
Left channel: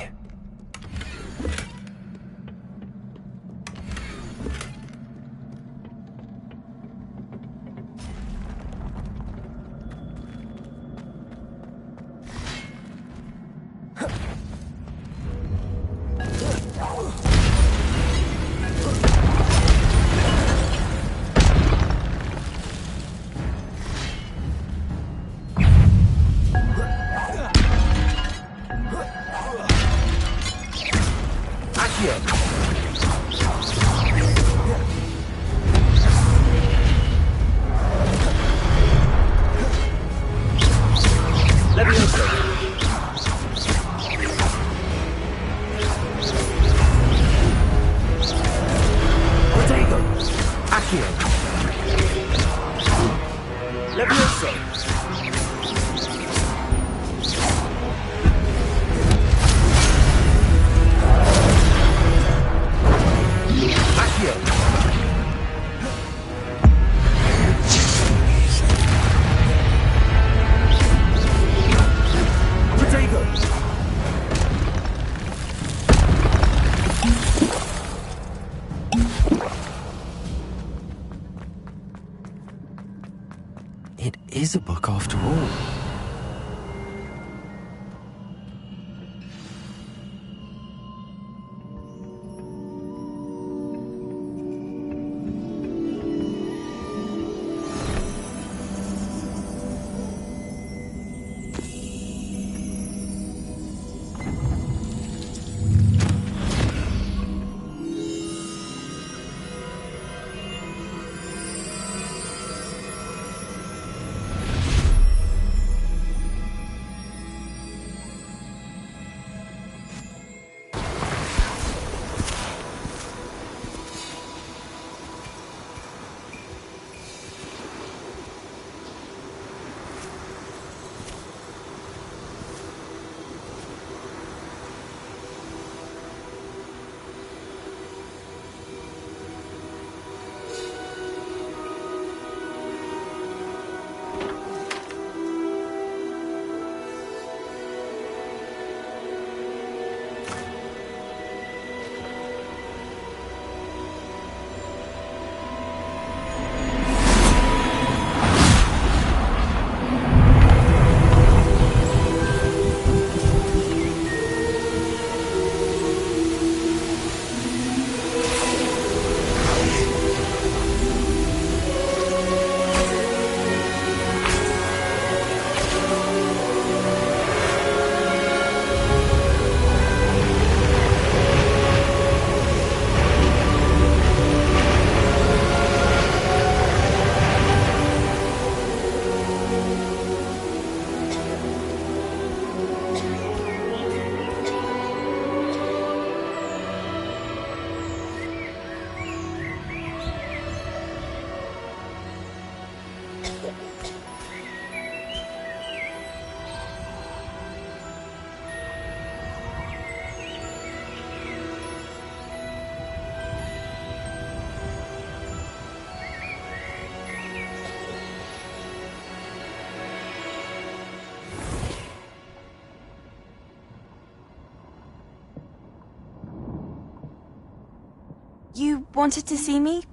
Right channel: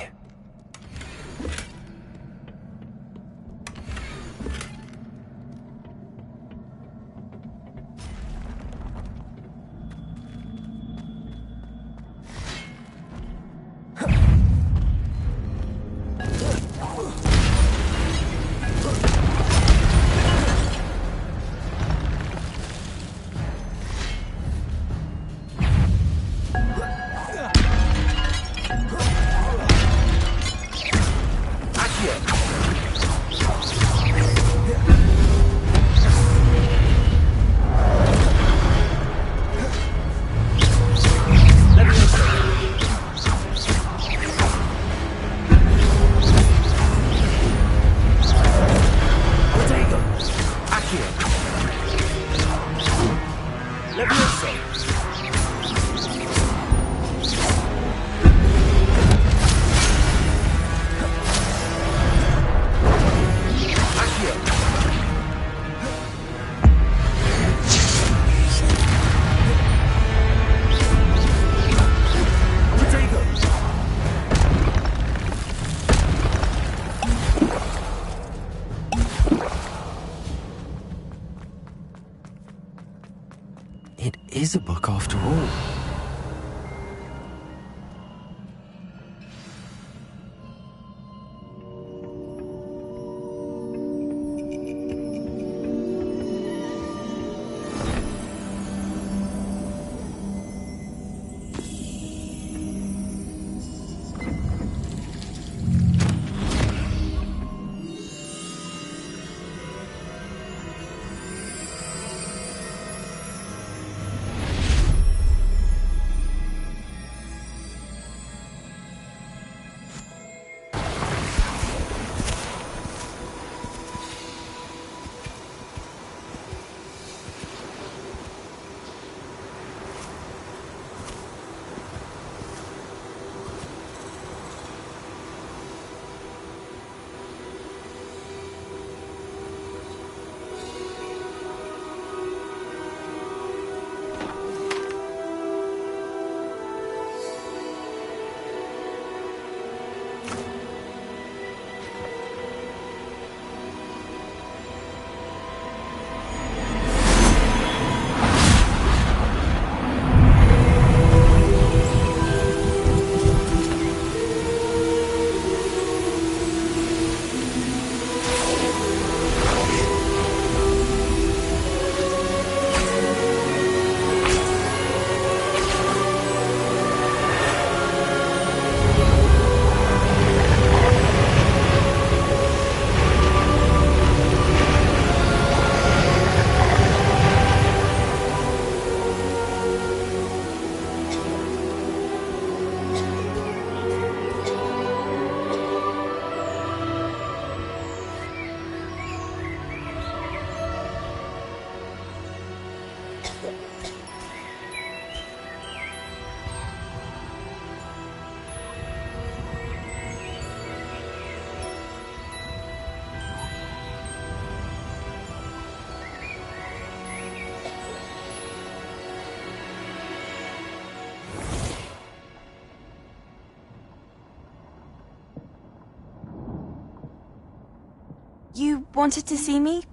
You wanted to see me?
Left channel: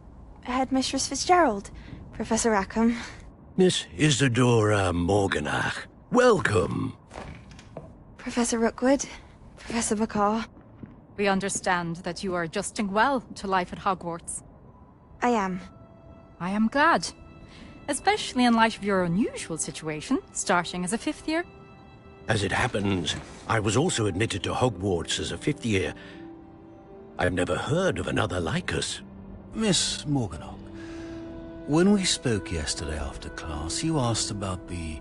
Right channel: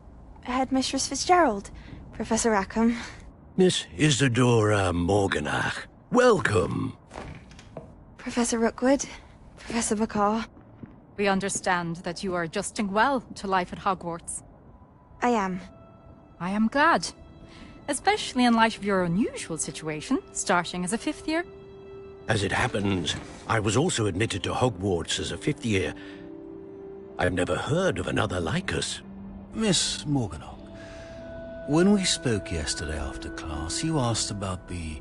Headmistress Fitzgerald, Professor Rackham. Miss Isadora Morganach, welcome. Professor Rookwood, Professor Bakar. We understand that you are adjusting well to life at Hogwarts. I am. I am glad. Especially in light of your unusual situation, starting as a 5th year. As it happens, I was also admitted to Hogwarts as a 5th year. I've never heard of another like us. Miss Morganach, when we spoke yesterday after class, you asked about the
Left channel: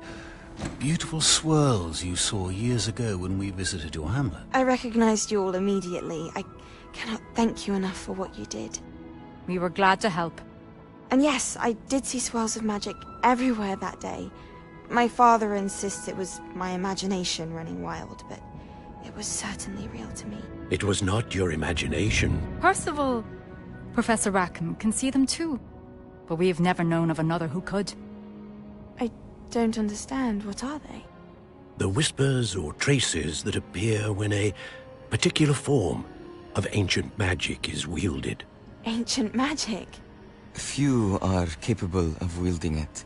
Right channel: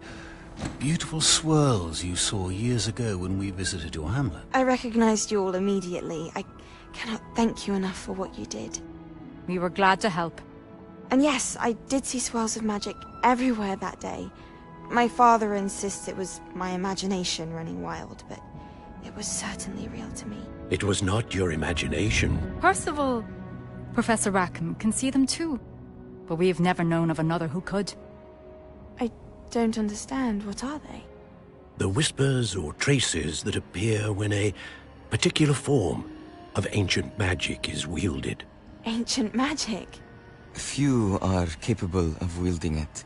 beautiful swirls you saw years ago when we visited your hamlet. I recognized you all immediately. I cannot thank you enough for what you did. We were glad to help. And yes, I did see swirls of magic everywhere that day. My father insists it was my imagination running wild, but it was certainly real to me. It was not your imagination. Percival, Professor Rackham can see them too. But we have never known of another who could. I don't understand. What are they? The whispers or traces that appear when a particular form of ancient magic is wielded. Ancient magic? Few are capable of wielding it.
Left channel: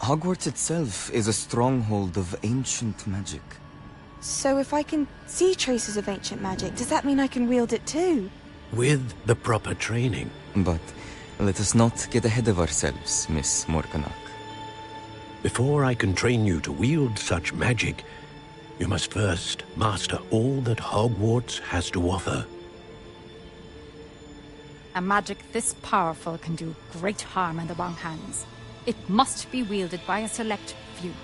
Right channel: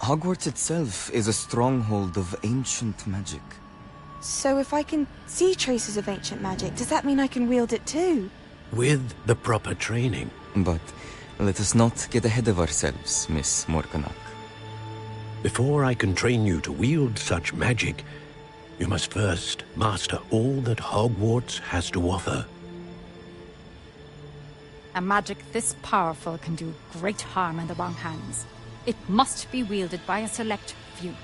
Hogwarts itself is a stronghold of ancient magic. So if I can see traces of ancient magic, does that mean I can wield it too? With the proper training. But let us not get ahead of ourselves, Miss Morganach. Before I can train you to wield such magic, you must first master all that Hogwarts has to offer. A magic this powerful can do great harm in the wrong hands. It must be wielded by a select few.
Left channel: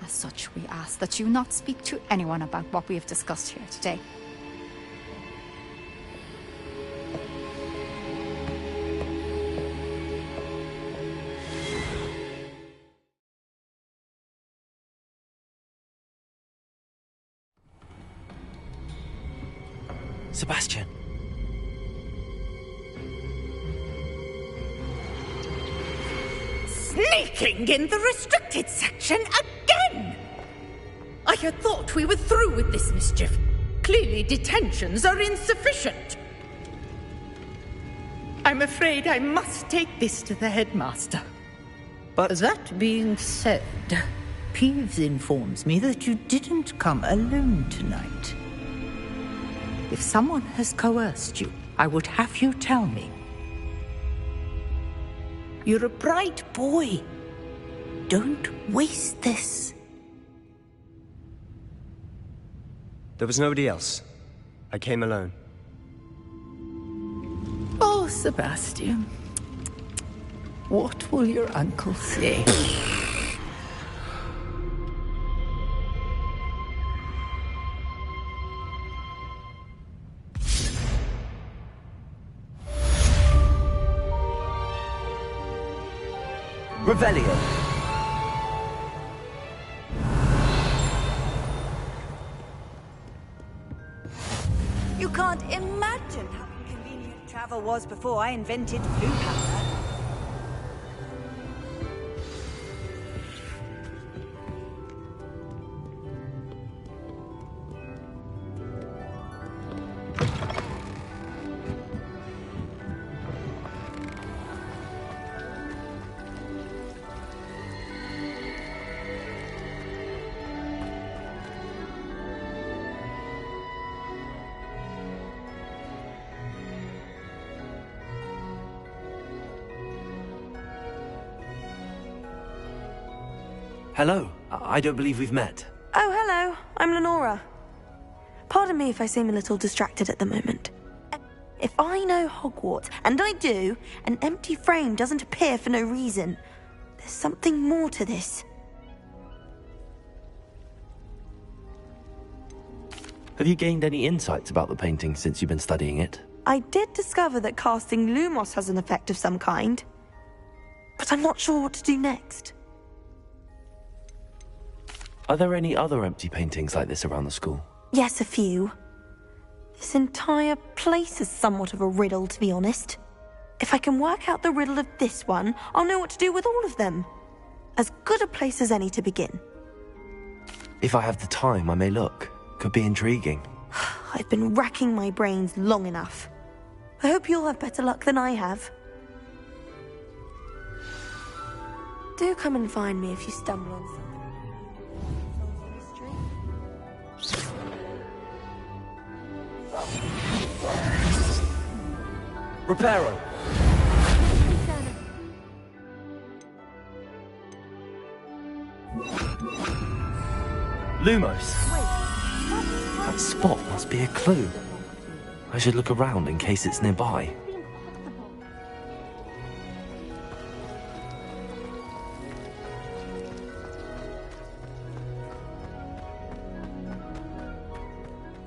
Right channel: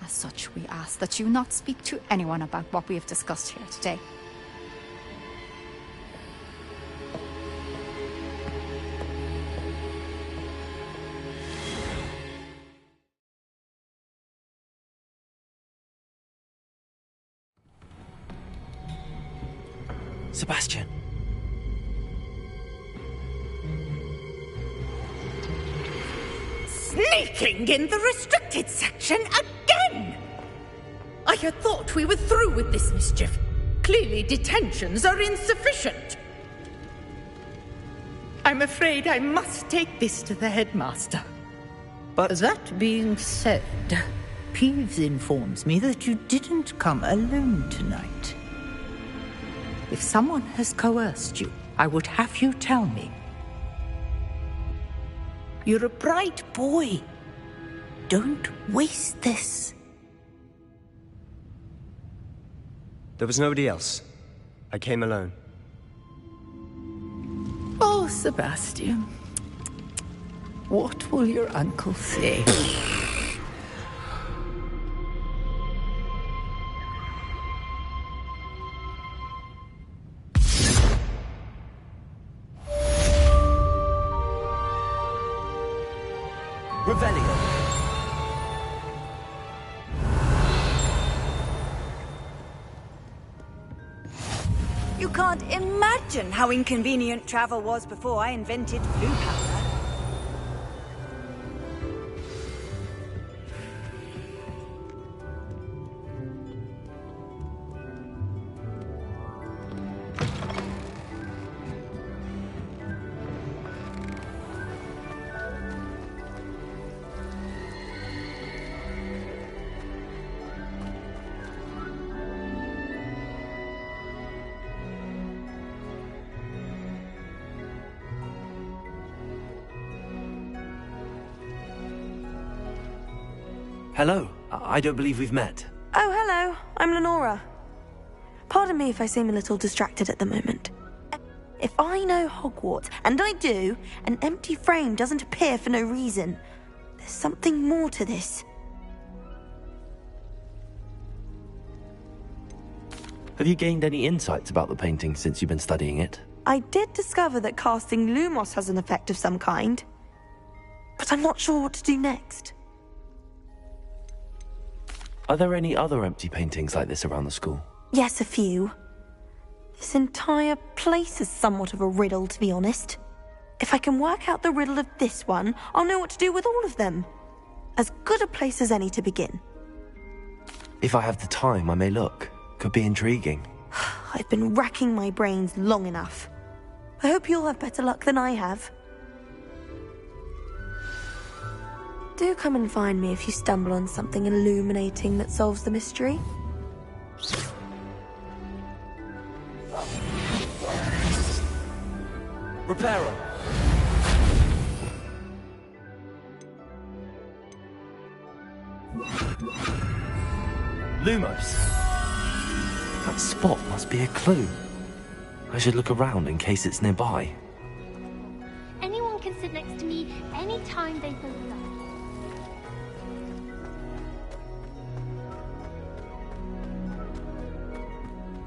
As such, we ask that you not speak to anyone about what we have discussed here today. Sebastian. Sneaking in the restricted section again! I had thought we were through with this mischief. Clearly detentions are insufficient. I'm afraid I must take this to the headmaster. But that being said, Peeves informs me that you didn't come alone tonight. If someone has coerced you, I would have you tell me. You're a bright boy. Don't waste this. There was nobody else. I came alone. Oh, Sebastian. What will your uncle say? Revelio. You can't imagine how inconvenient travel was before I invented blue powder. Hello. I don't believe we've met. Oh, hello. I'm Lenora. Pardon me if I seem a little distracted at the moment. If I know Hogwarts, and I do, an empty frame doesn't appear for no reason. There's something more to this. Have you gained any insights about the painting since you've been studying it? I did discover that casting Lumos has an effect of some kind. But I'm not sure what to do next. Are there any other empty paintings like this around the school? Yes, a few. This entire place is somewhat of a riddle, to be honest. If I can work out the riddle of this one, I'll know what to do with all of them. As good a place as any to begin. If I have the time, I may look. Could be intriguing. I've been racking my brains long enough. I hope you'll have better luck than I have. Do come and find me if you stumble on something illuminating that solves the mystery. Reparo! Lumos! That spot must be a clue. I should look around in case it's nearby. Anyone can sit next to me anytime they feel like.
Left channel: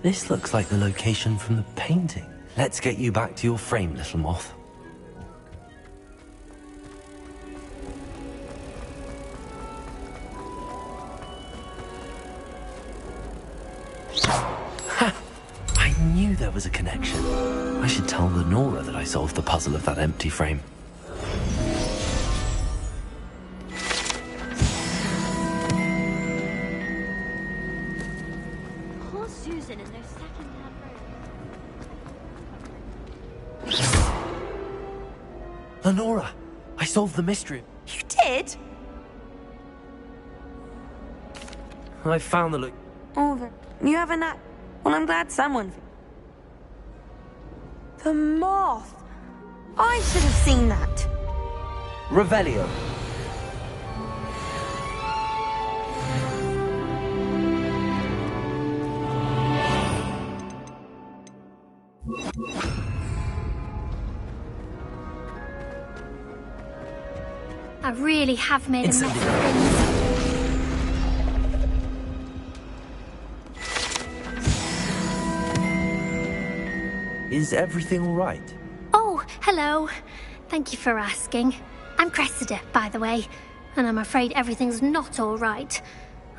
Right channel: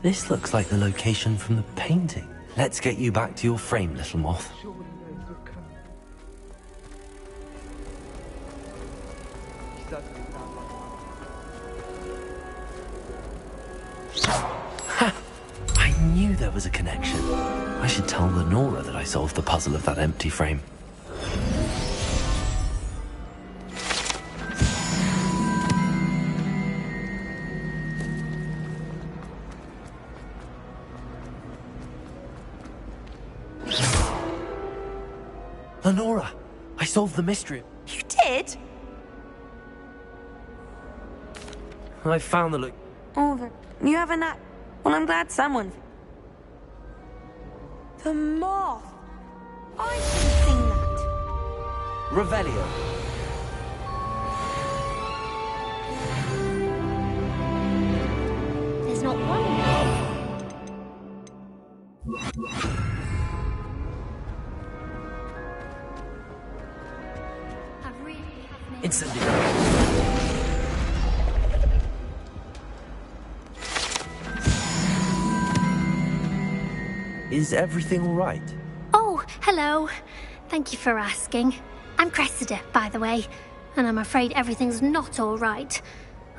This looks like the location from the painting. Let's get you back to your frame, little moth. Ha! I knew there was a connection. I should tell Lenora that I solved the puzzle of that empty frame. Lenora, I solved the mystery. You did? I found the look. Oh, you haven't that? Well, I'm glad someone... The moth! I should have seen that. Revelio. There's not one. I really have made a mess. Is everything all right? Oh, hello. Thank you for asking. I'm Cressida, by the way, and I'm afraid everything's not all right.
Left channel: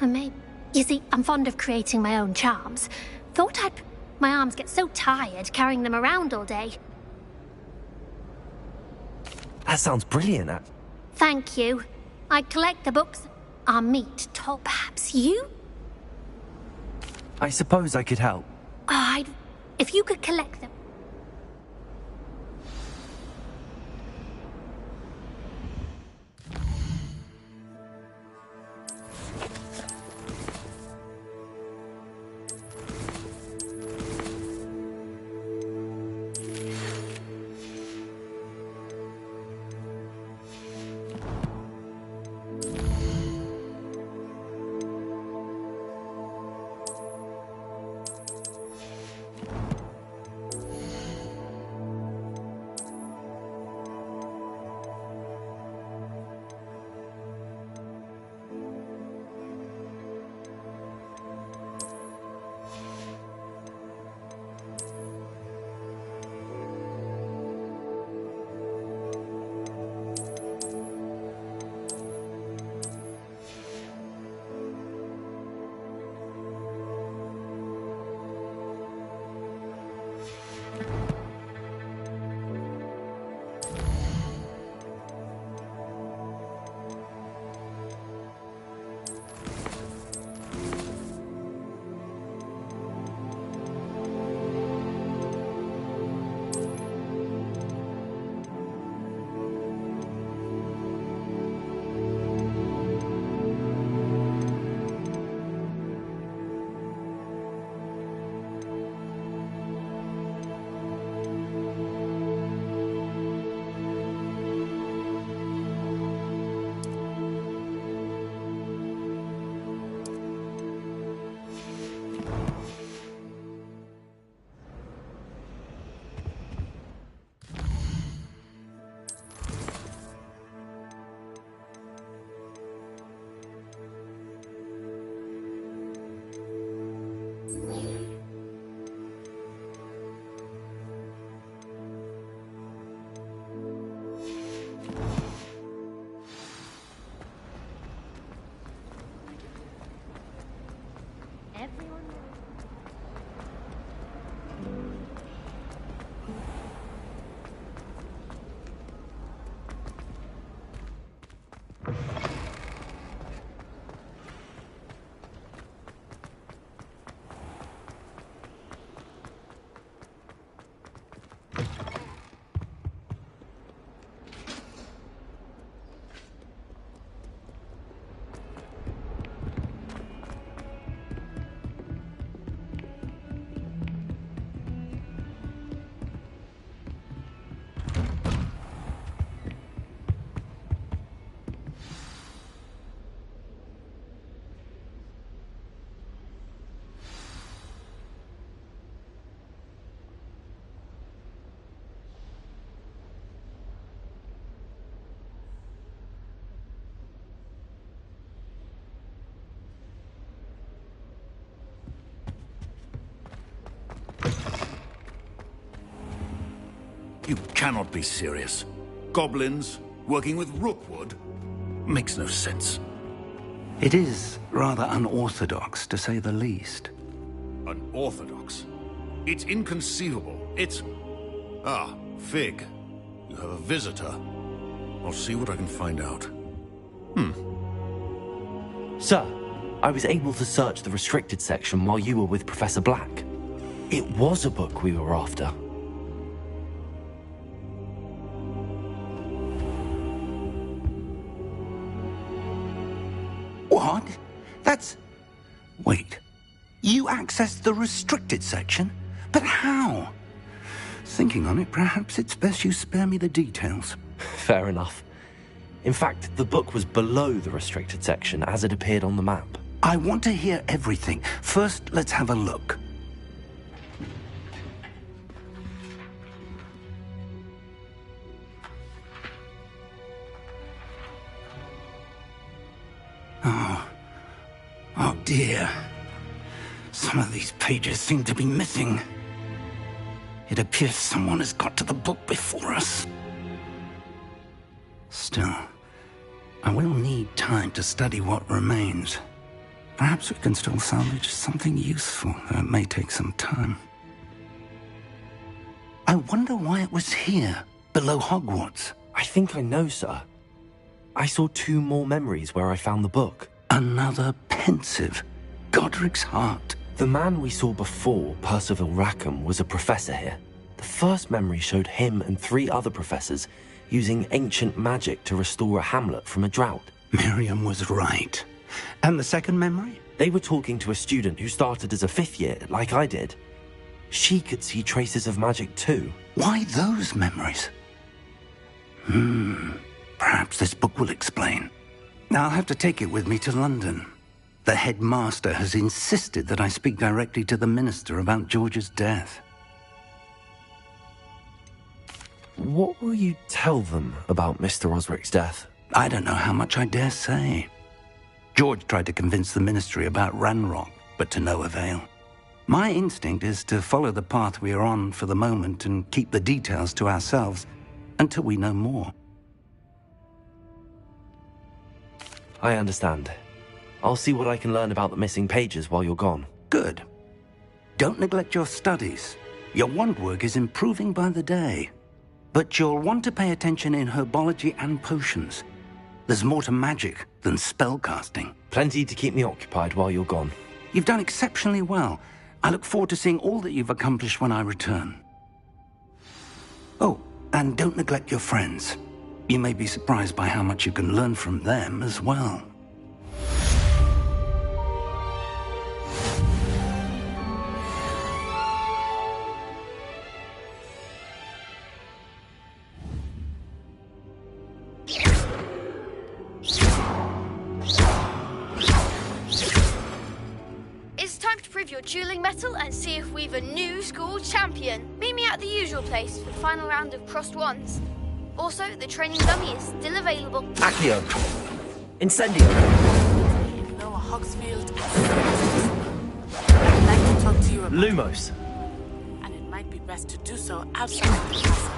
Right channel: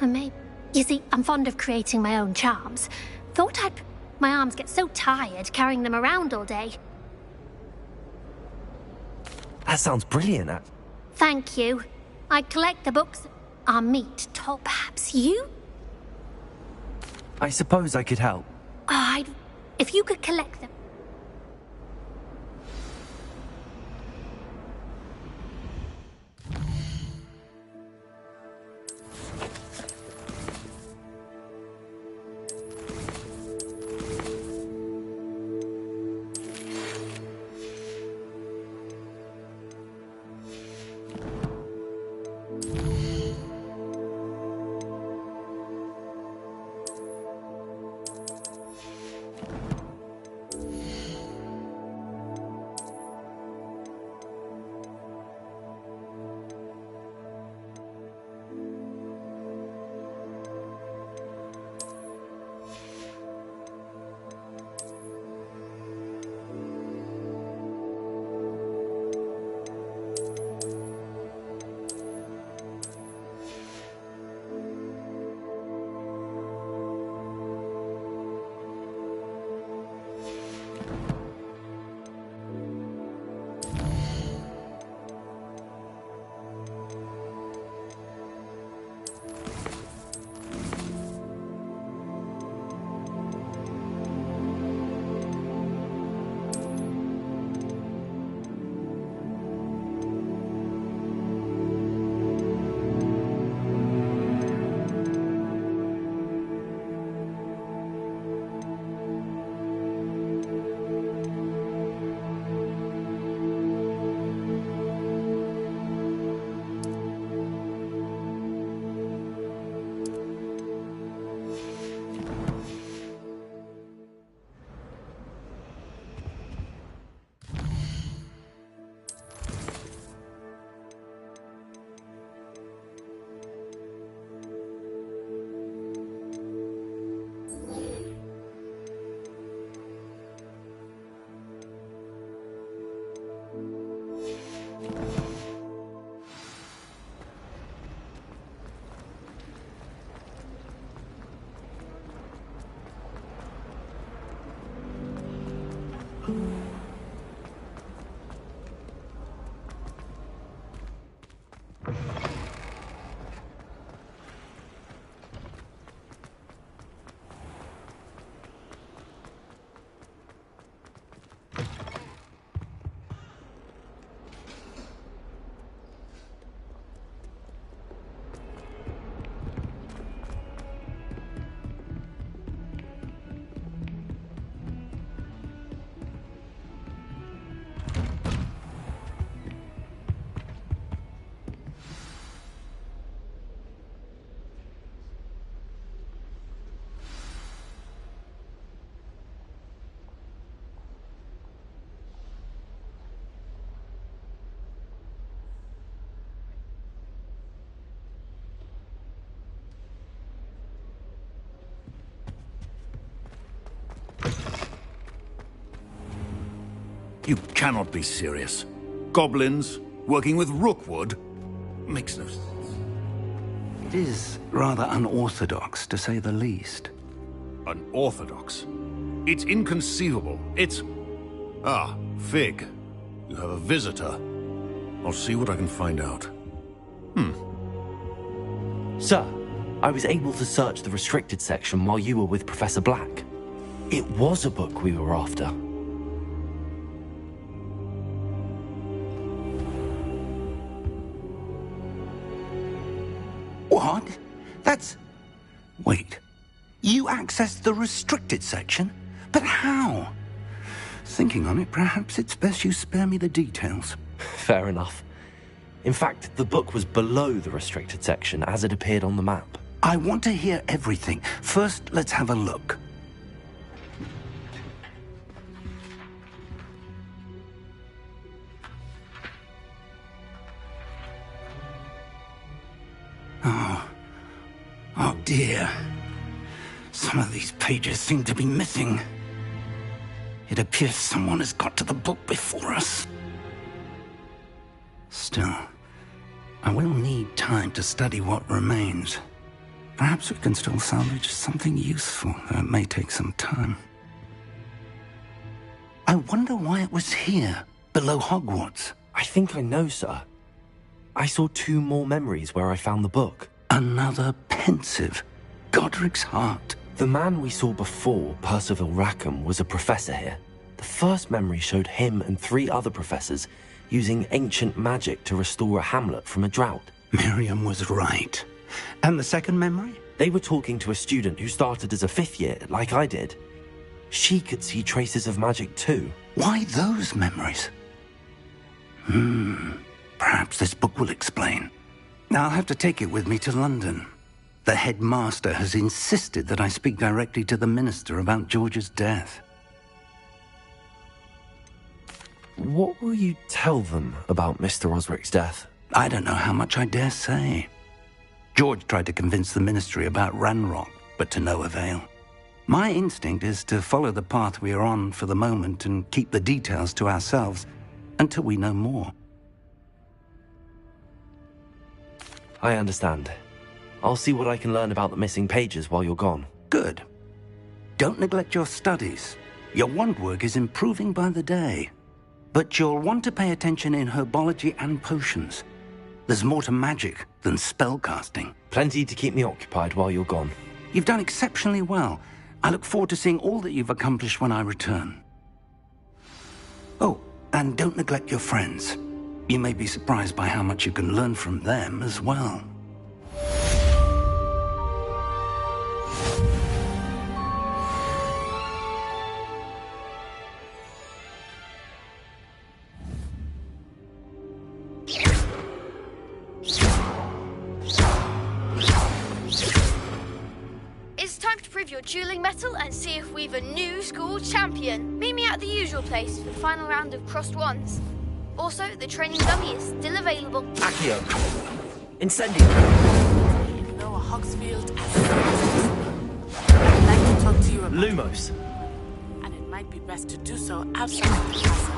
You see, I'm fond of creating my own charms. Thought I'd... My arms get so tired carrying them around all day. That sounds brilliant. Thank you. I collect the books. Our meet top. Perhaps you? I suppose I could help. If you could collect them. You cannot be serious. Goblins working with Rookwood? Makes no sense. It is rather unorthodox, to say the least. Unorthodox? It's inconceivable. It's... Ah, Fig. You have a visitor. I'll see what I can find out. Sir, I was able to search the restricted section while you were with Professor Black. It was a book we were after. What? That's... Wait. You accessed the restricted section? But how? Thinking on it, perhaps it's best you spare me the details. Fair enough. In fact, the book was below the restricted section as it appeared on the map. I want to hear everything. First, let's have a look. Oh dear. Some of these pages seem to be missing. It appears someone has got to the book before us. Still, I will need time to study what remains. Perhaps we can still salvage something useful, though it may take some time. I wonder why it was here, below Hogwarts. I think I know, sir. I saw 2 more memories where I found the book. Another pensive. Godric's heart. The man we saw before, Percival Rackham, was a professor here. The first memory showed him and 3 other professors using ancient magic to restore a hamlet from a drought. Miriam was right. And the second memory? They were talking to a student who started as a 5th year, like I did. She could see traces of magic too. Why those memories? Perhaps this book will explain. Now I'll have to take it with me to London. The headmaster has insisted that I speak directly to the minister about George's death. What will you tell them about Mr. Osric's death? I don't know how much I dare say. George tried to convince the ministry about Ranrock, but to no avail. My instinct is to follow the path we are on for the moment and keep the details to ourselves until we know more. I understand. I'll see what I can learn about the missing pages while you're gone. Good. Don't neglect your studies. Your wand work is improving by the day. But you'll want to pay attention in herbology and potions. There's more to magic than spellcasting. Plenty to keep me occupied while you're gone. You've done exceptionally well. I look forward to seeing all that you've accomplished when I return. Oh, and don't neglect your friends. You may be surprised by how much you can learn from them as well. It's time to prove your dueling mettle and see if we've a new school champion. Meet me at the usual place for the final round of crossed wands. Also, the training dummy is still available. Accio! Incendio! Noah Hogsfield I'd like to talk to you about Lumos! And it might be best to do so outside of the castle.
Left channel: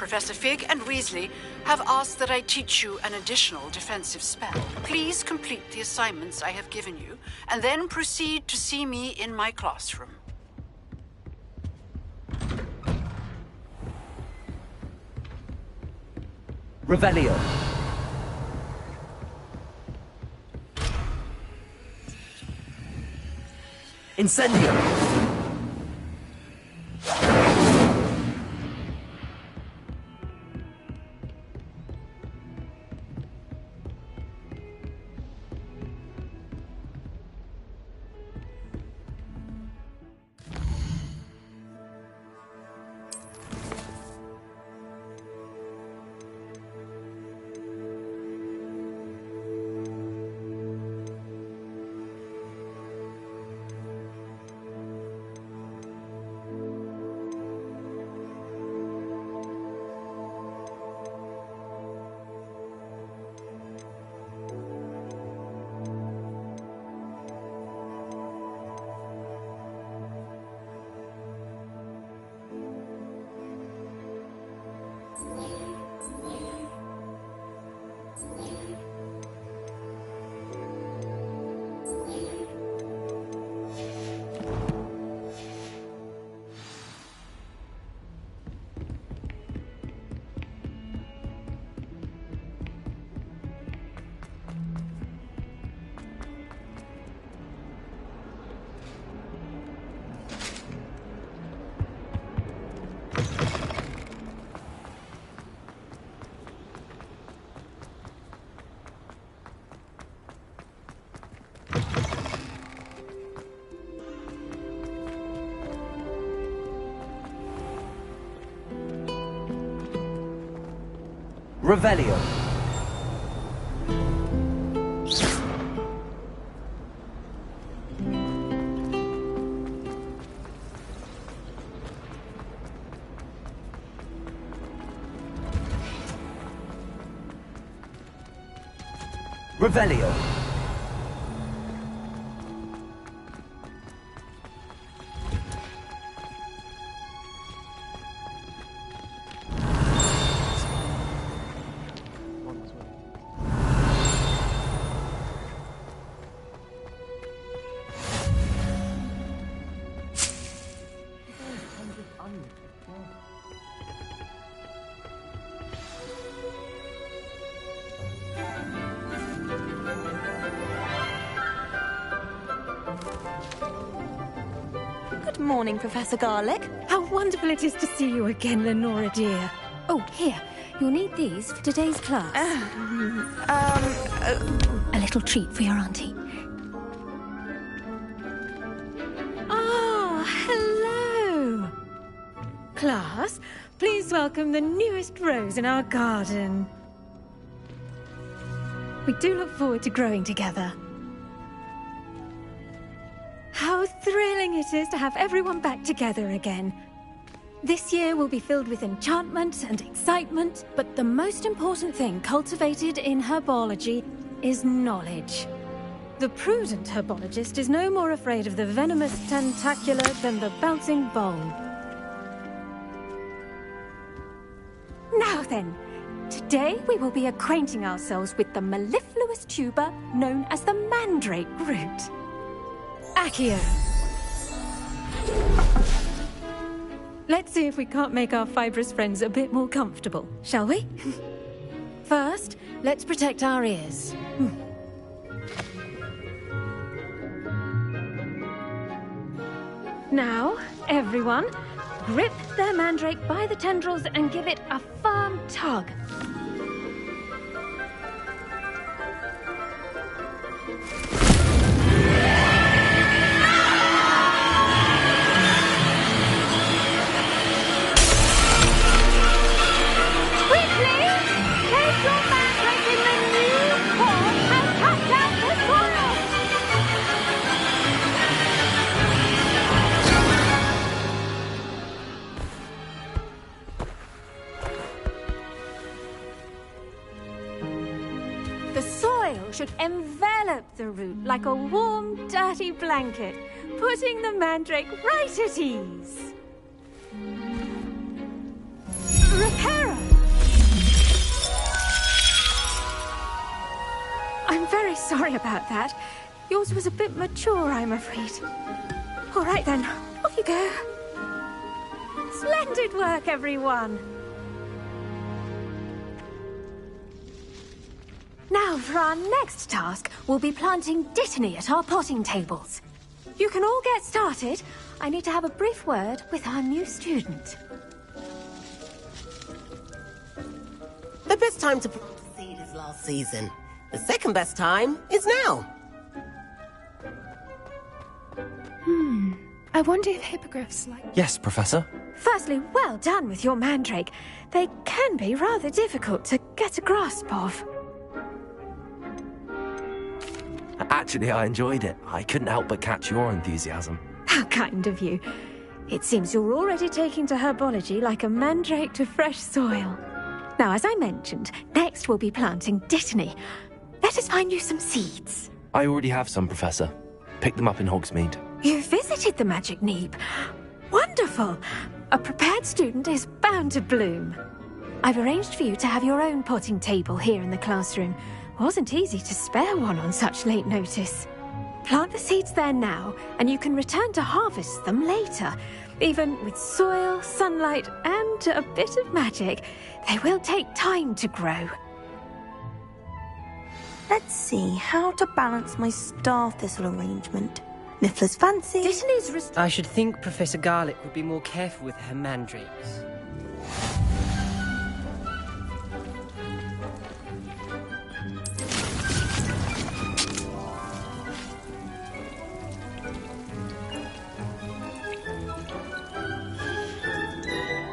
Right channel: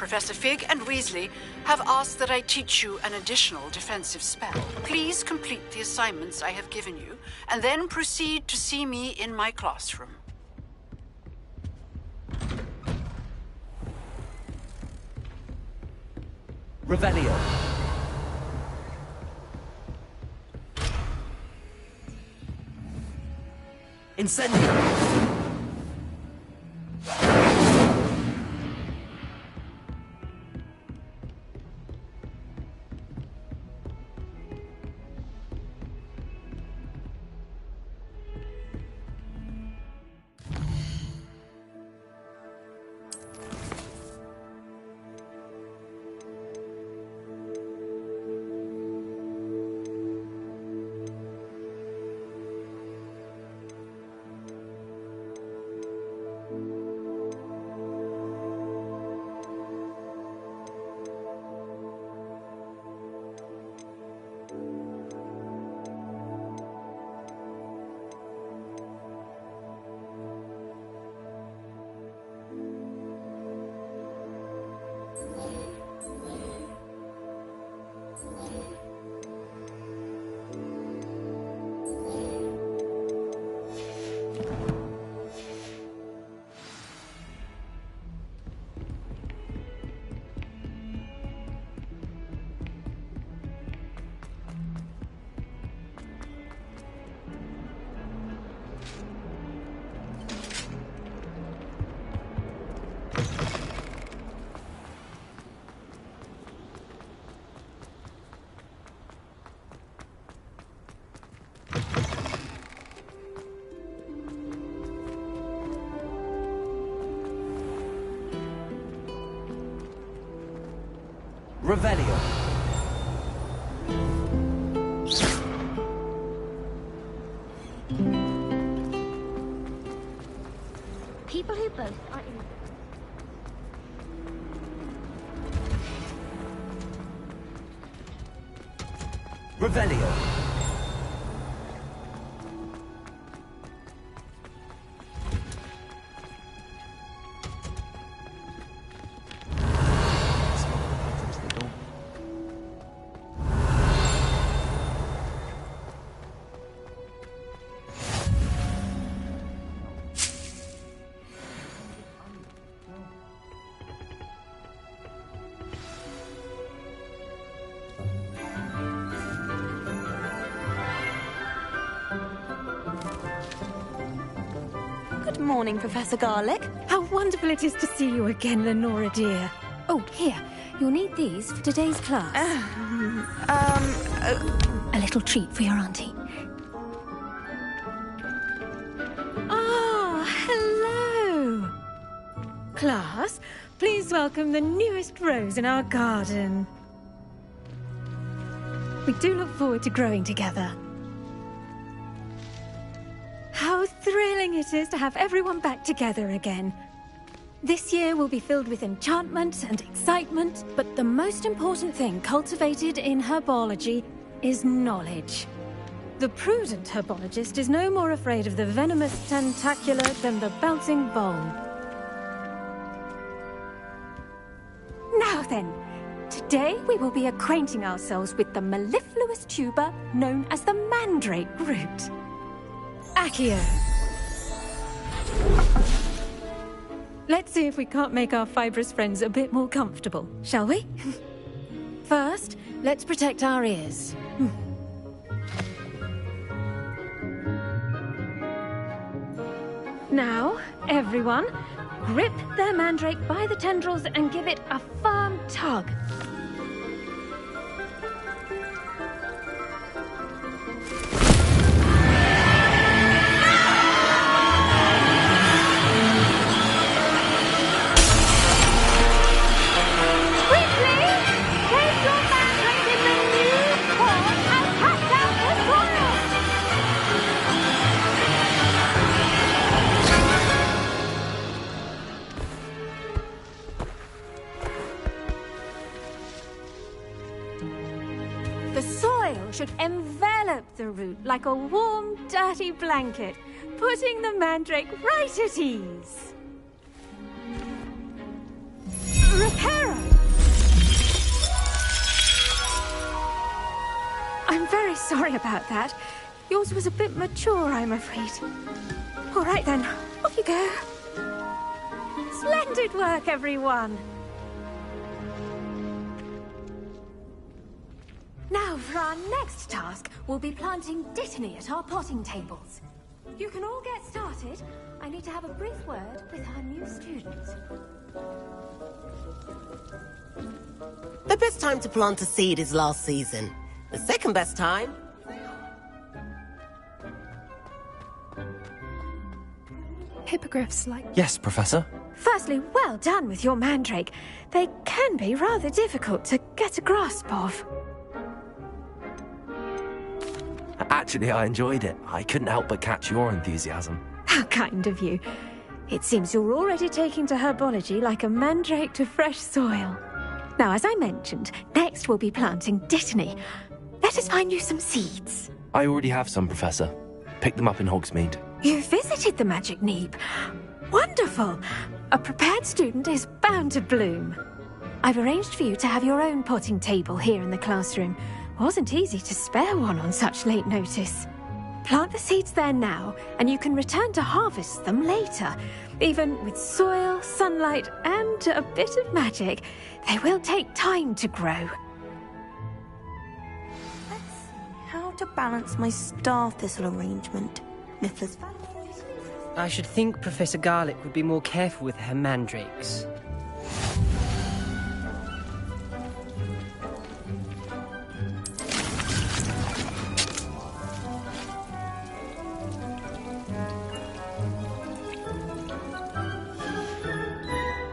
Professor Fig and Weasley have asked that I teach you an additional defensive spell. Please complete the assignments I have given you, and then proceed to see me in my classroom. Revelio. Incendio. Revelio. People who both are in Revelio. Good morning, Professor Garlick. How wonderful it is to see you again, Lenora dear. Oh, here. You'll need these for today's class. A little treat for your auntie. Ah, hello. Class, please welcome the newest rose in our garden. We do look forward to growing together. How thrilling it is to have everyone back together again. This year will be filled with enchantment and excitement, but the most important thing cultivated in herbology is knowledge. The prudent herbologist is no more afraid of the venomous tentacula than the bouncing bulb. Now then, today we will be acquainting ourselves with the mellifluous tuber known as the mandrake root. Accio. Let's see if we can't make our fibrous friends a bit more comfortable, shall we? First, let's protect our ears. Now, everyone, grip their mandrake by the tendrils and give it a firm tug. The soil should envelop the root like a warm, dirty blanket, putting the mandrake right at ease. Reparo! very sorry about that. Yours was a bit mature, I'm afraid. All right then, off you go. Splendid work, everyone. Now, for our next task, we'll be planting Dittany at our potting tables. You can all get started. I need to have a brief word with our new student. The best time to plant a seed is last season. The second best time is now. I wonder if hippogriffs like... Yes, Professor. Firstly, well done with your mandrake. They can be rather difficult to get a grasp of. Actually, I enjoyed it. I couldn't help but catch your enthusiasm. How kind of you. It seems you're already taking to herbology like a mandrake to fresh soil. Now, as I mentioned, next we'll be planting Dittany. Let us find you some seeds. I already have some, Professor. Picked them up in Hogsmeade. You visited the Magic Neep. Wonderful. A prepared student is bound to bloom. I've arranged for you to have your own potting table here in the classroom. Wasn't easy to spare one on such late notice. Plant the seeds there now, and you can return to harvest them later. Even with soil, sunlight, and a bit of magic, they will take time to grow. Let's see how to balance my star thistle arrangement. Niffler's fancy. I should think Professor Garlick would be more careful with her mandrakes.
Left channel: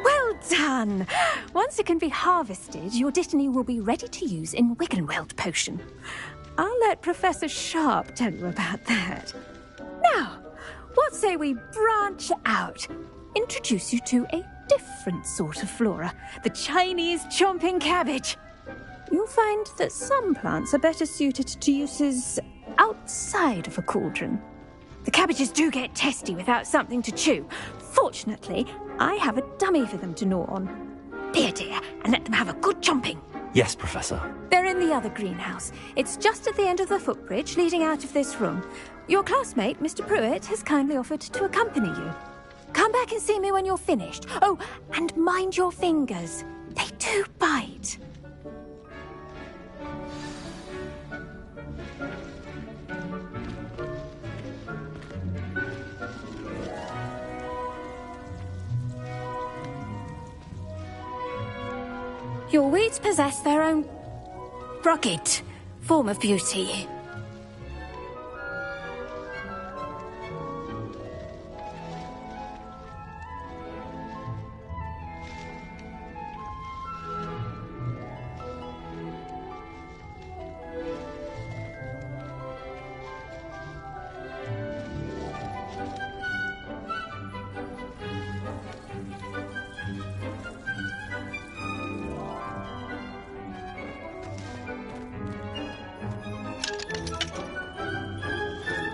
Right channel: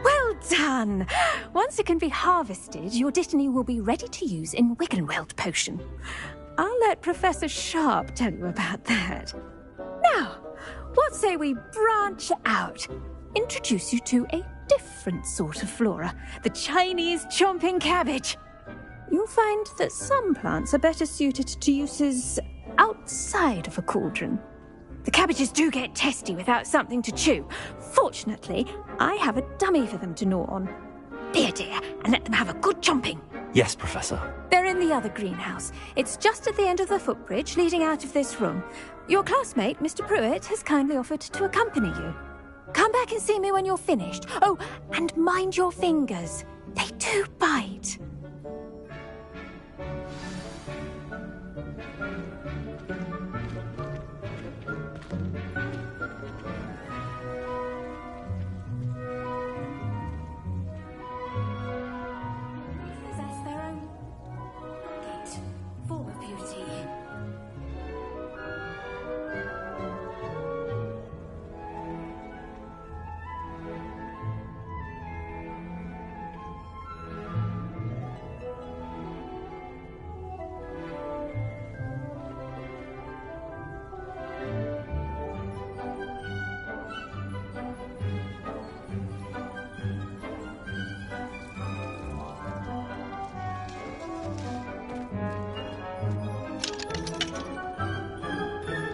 Well done! Once it can be harvested, your Dittany will be ready to use in Wiggenweld potion. I'll let Professor Sharp tell you about that. Now, what say we branch out? Introduce you to a different sort of flora, the Chinese chomping cabbage. You'll find that some plants are better suited to uses outside of a cauldron. The cabbages do get testy without something to chew. Fortunately, I have a dummy for them to gnaw on. Be a dear and let them have a good chomping. Yes, Professor. They're in the other greenhouse. It's just at the end of the footbridge leading out of this room. Your classmate, Mr. Pruitt, has kindly offered to accompany you. Come back and see me when you're finished. Oh, and mind your fingers. They do bite. Your weeds possess their own rugged form of beauty.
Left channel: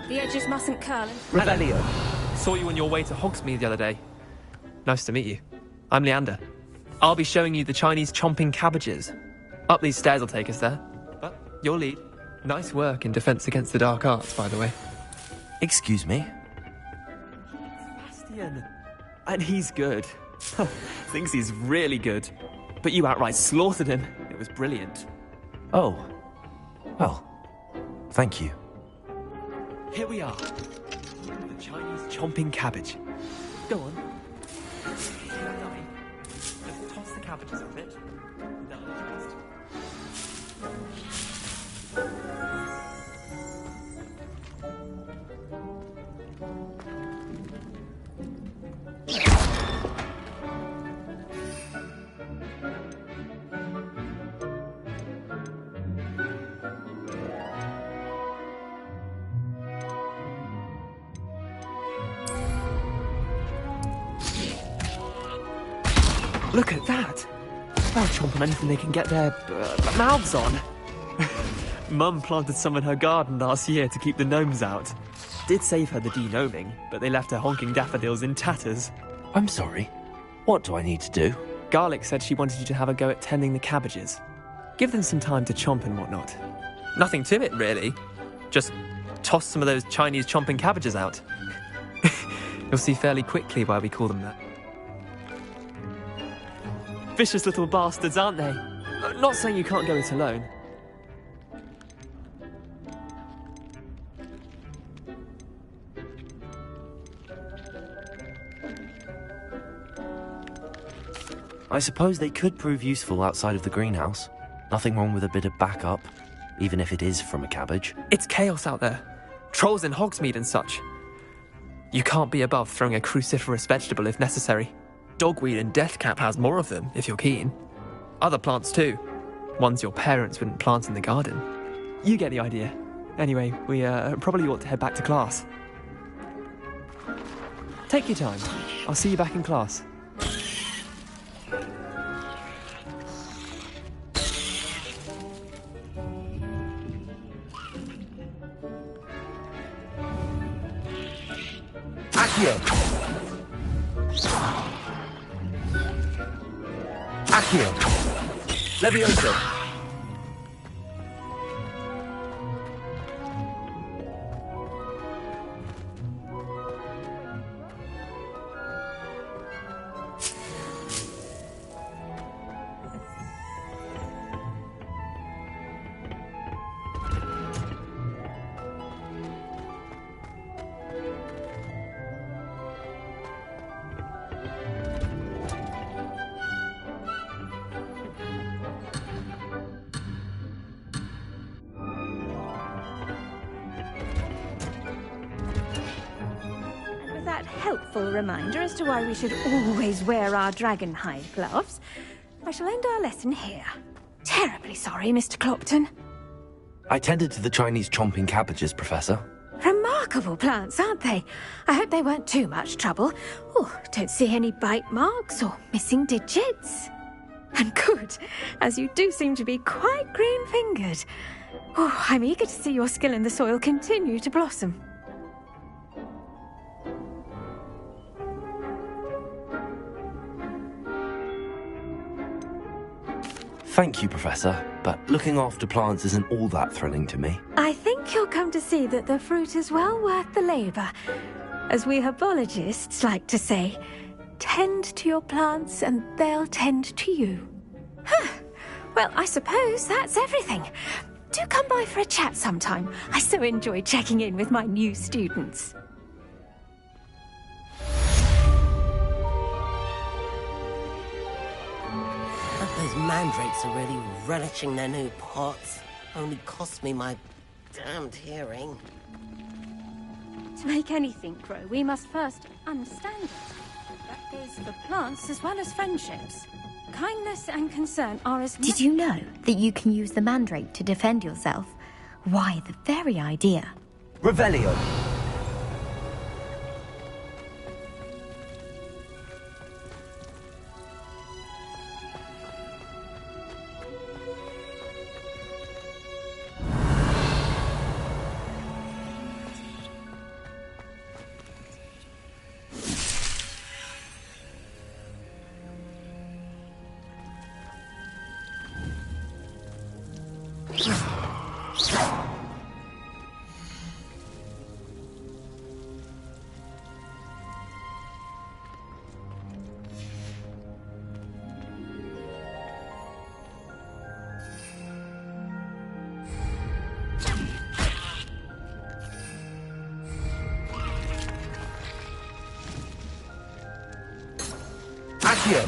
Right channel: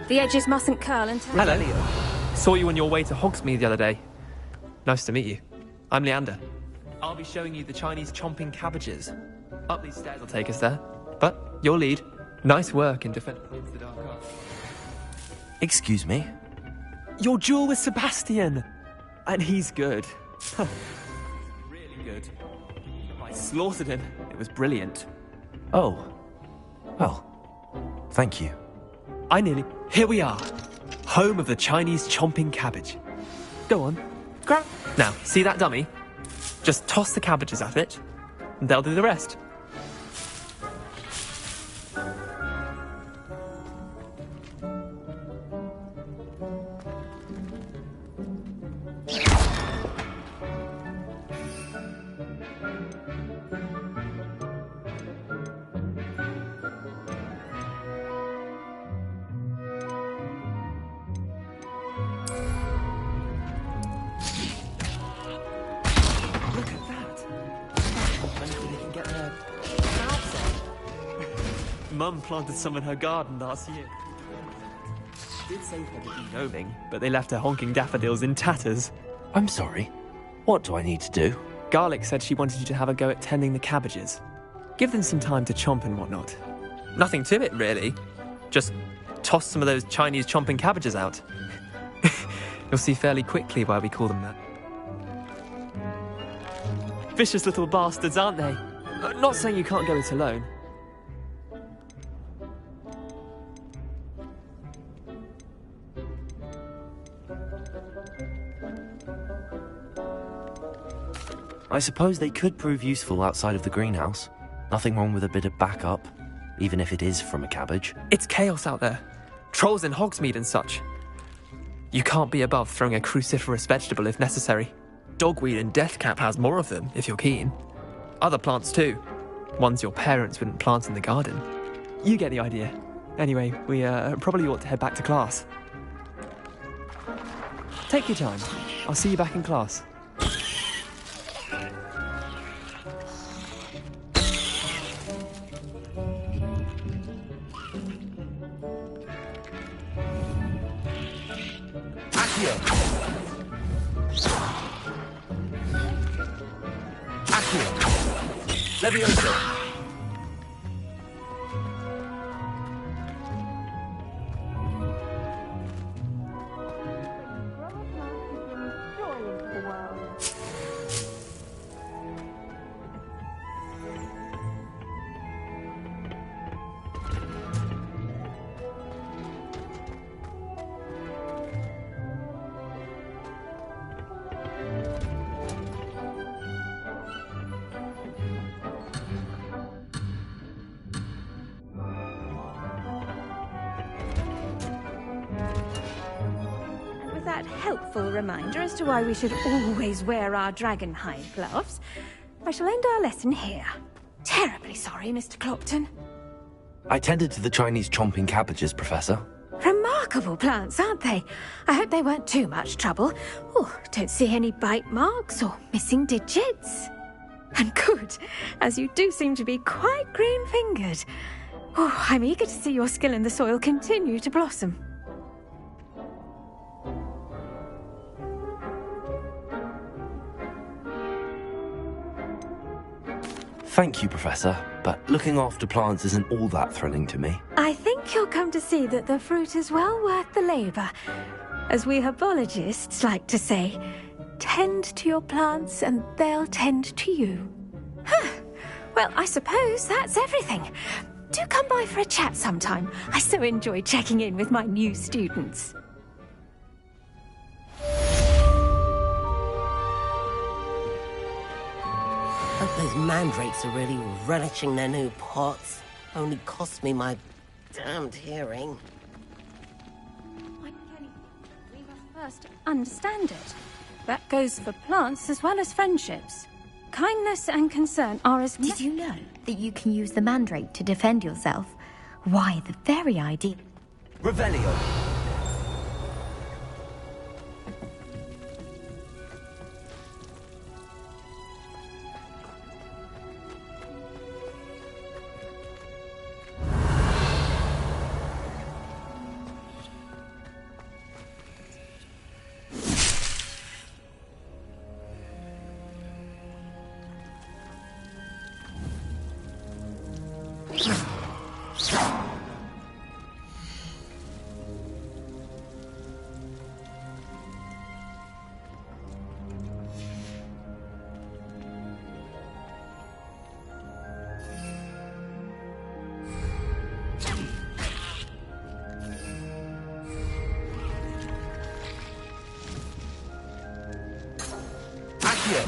The edges mustn't curl until... Hello. Saw you on your way to Hogsmeade the other day. Nice to meet you. I'm Leander. I'll be showing you the Chinese chomping cabbages. Up these stairs will take us there. But your lead. Nice work in Defense Against the Dark Arts, by the way. Excuse me? Your duel with Sebastian. And he's good. Thinks he's really good. But you outright slaughtered him. It was brilliant. Oh. Well, thank you. Here we are. Home of the Chinese chomping cabbage. Go on. Grab. Now, see that dummy? Just toss the cabbages at it, and they'll do the rest. Look at that! They'll chomp on anything they can get their mouths on. Mum planted some in her garden last year to keep the gnomes out. Did save her the de-gnoming, but they left her honking daffodils in tatters. I'm sorry. What do I need to do? Garlic said she wanted you to have a go at tending the cabbages. Give them some time to chomp and whatnot. Nothing to it, really. Just toss some of those Chinese chomping cabbages out. You'll see fairly quickly why we call them that. Vicious little bastards, aren't they? Not saying you can't go it alone. I suppose they could prove useful outside of the greenhouse. Nothing wrong with a bit of backup, even if it is from a cabbage. It's chaos out there. Trolls in Hogsmeade and such. You can't be above throwing a cruciferous vegetable if necessary. Dogweed and deathcap has more of them, if you're keen. Other plants too. Ones your parents wouldn't plant in the garden. You get the idea. Anyway, we probably ought to head back to class. Take your time. I'll see you back in class. Accio. Accio. Levioso. That helpful reminder as to why we should always wear our dragon hide gloves, I shall end our lesson here. Terribly sorry, Mr. Clopton. I tended to the Chinese chomping cabbages, Professor. Remarkable plants, aren't they? I hope they weren't too much trouble. Oh, don't see any bite marks or missing digits. And good, as you do seem to be quite green-fingered. Oh, I'm eager to see your skill in the soil continue to blossom. Thank you, Professor, but looking after plants isn't all that thrilling to me. I think you'll come to see that the fruit is well worth the labour. As we herbologists like to say, tend to your plants and they'll tend to you. Huh. Well, I suppose that's everything. Do come by for a chat sometime. I so enjoy checking in with my new students. Those mandrakes are really relishing their new pots. Only cost me my damned hearing. To make anything grow, we must first understand it. That goes for plants as well as friendships. Kindness and concern are as... Did you know that you can use the mandrake to defend yourself? Why, the very idea. Revelio. Accio.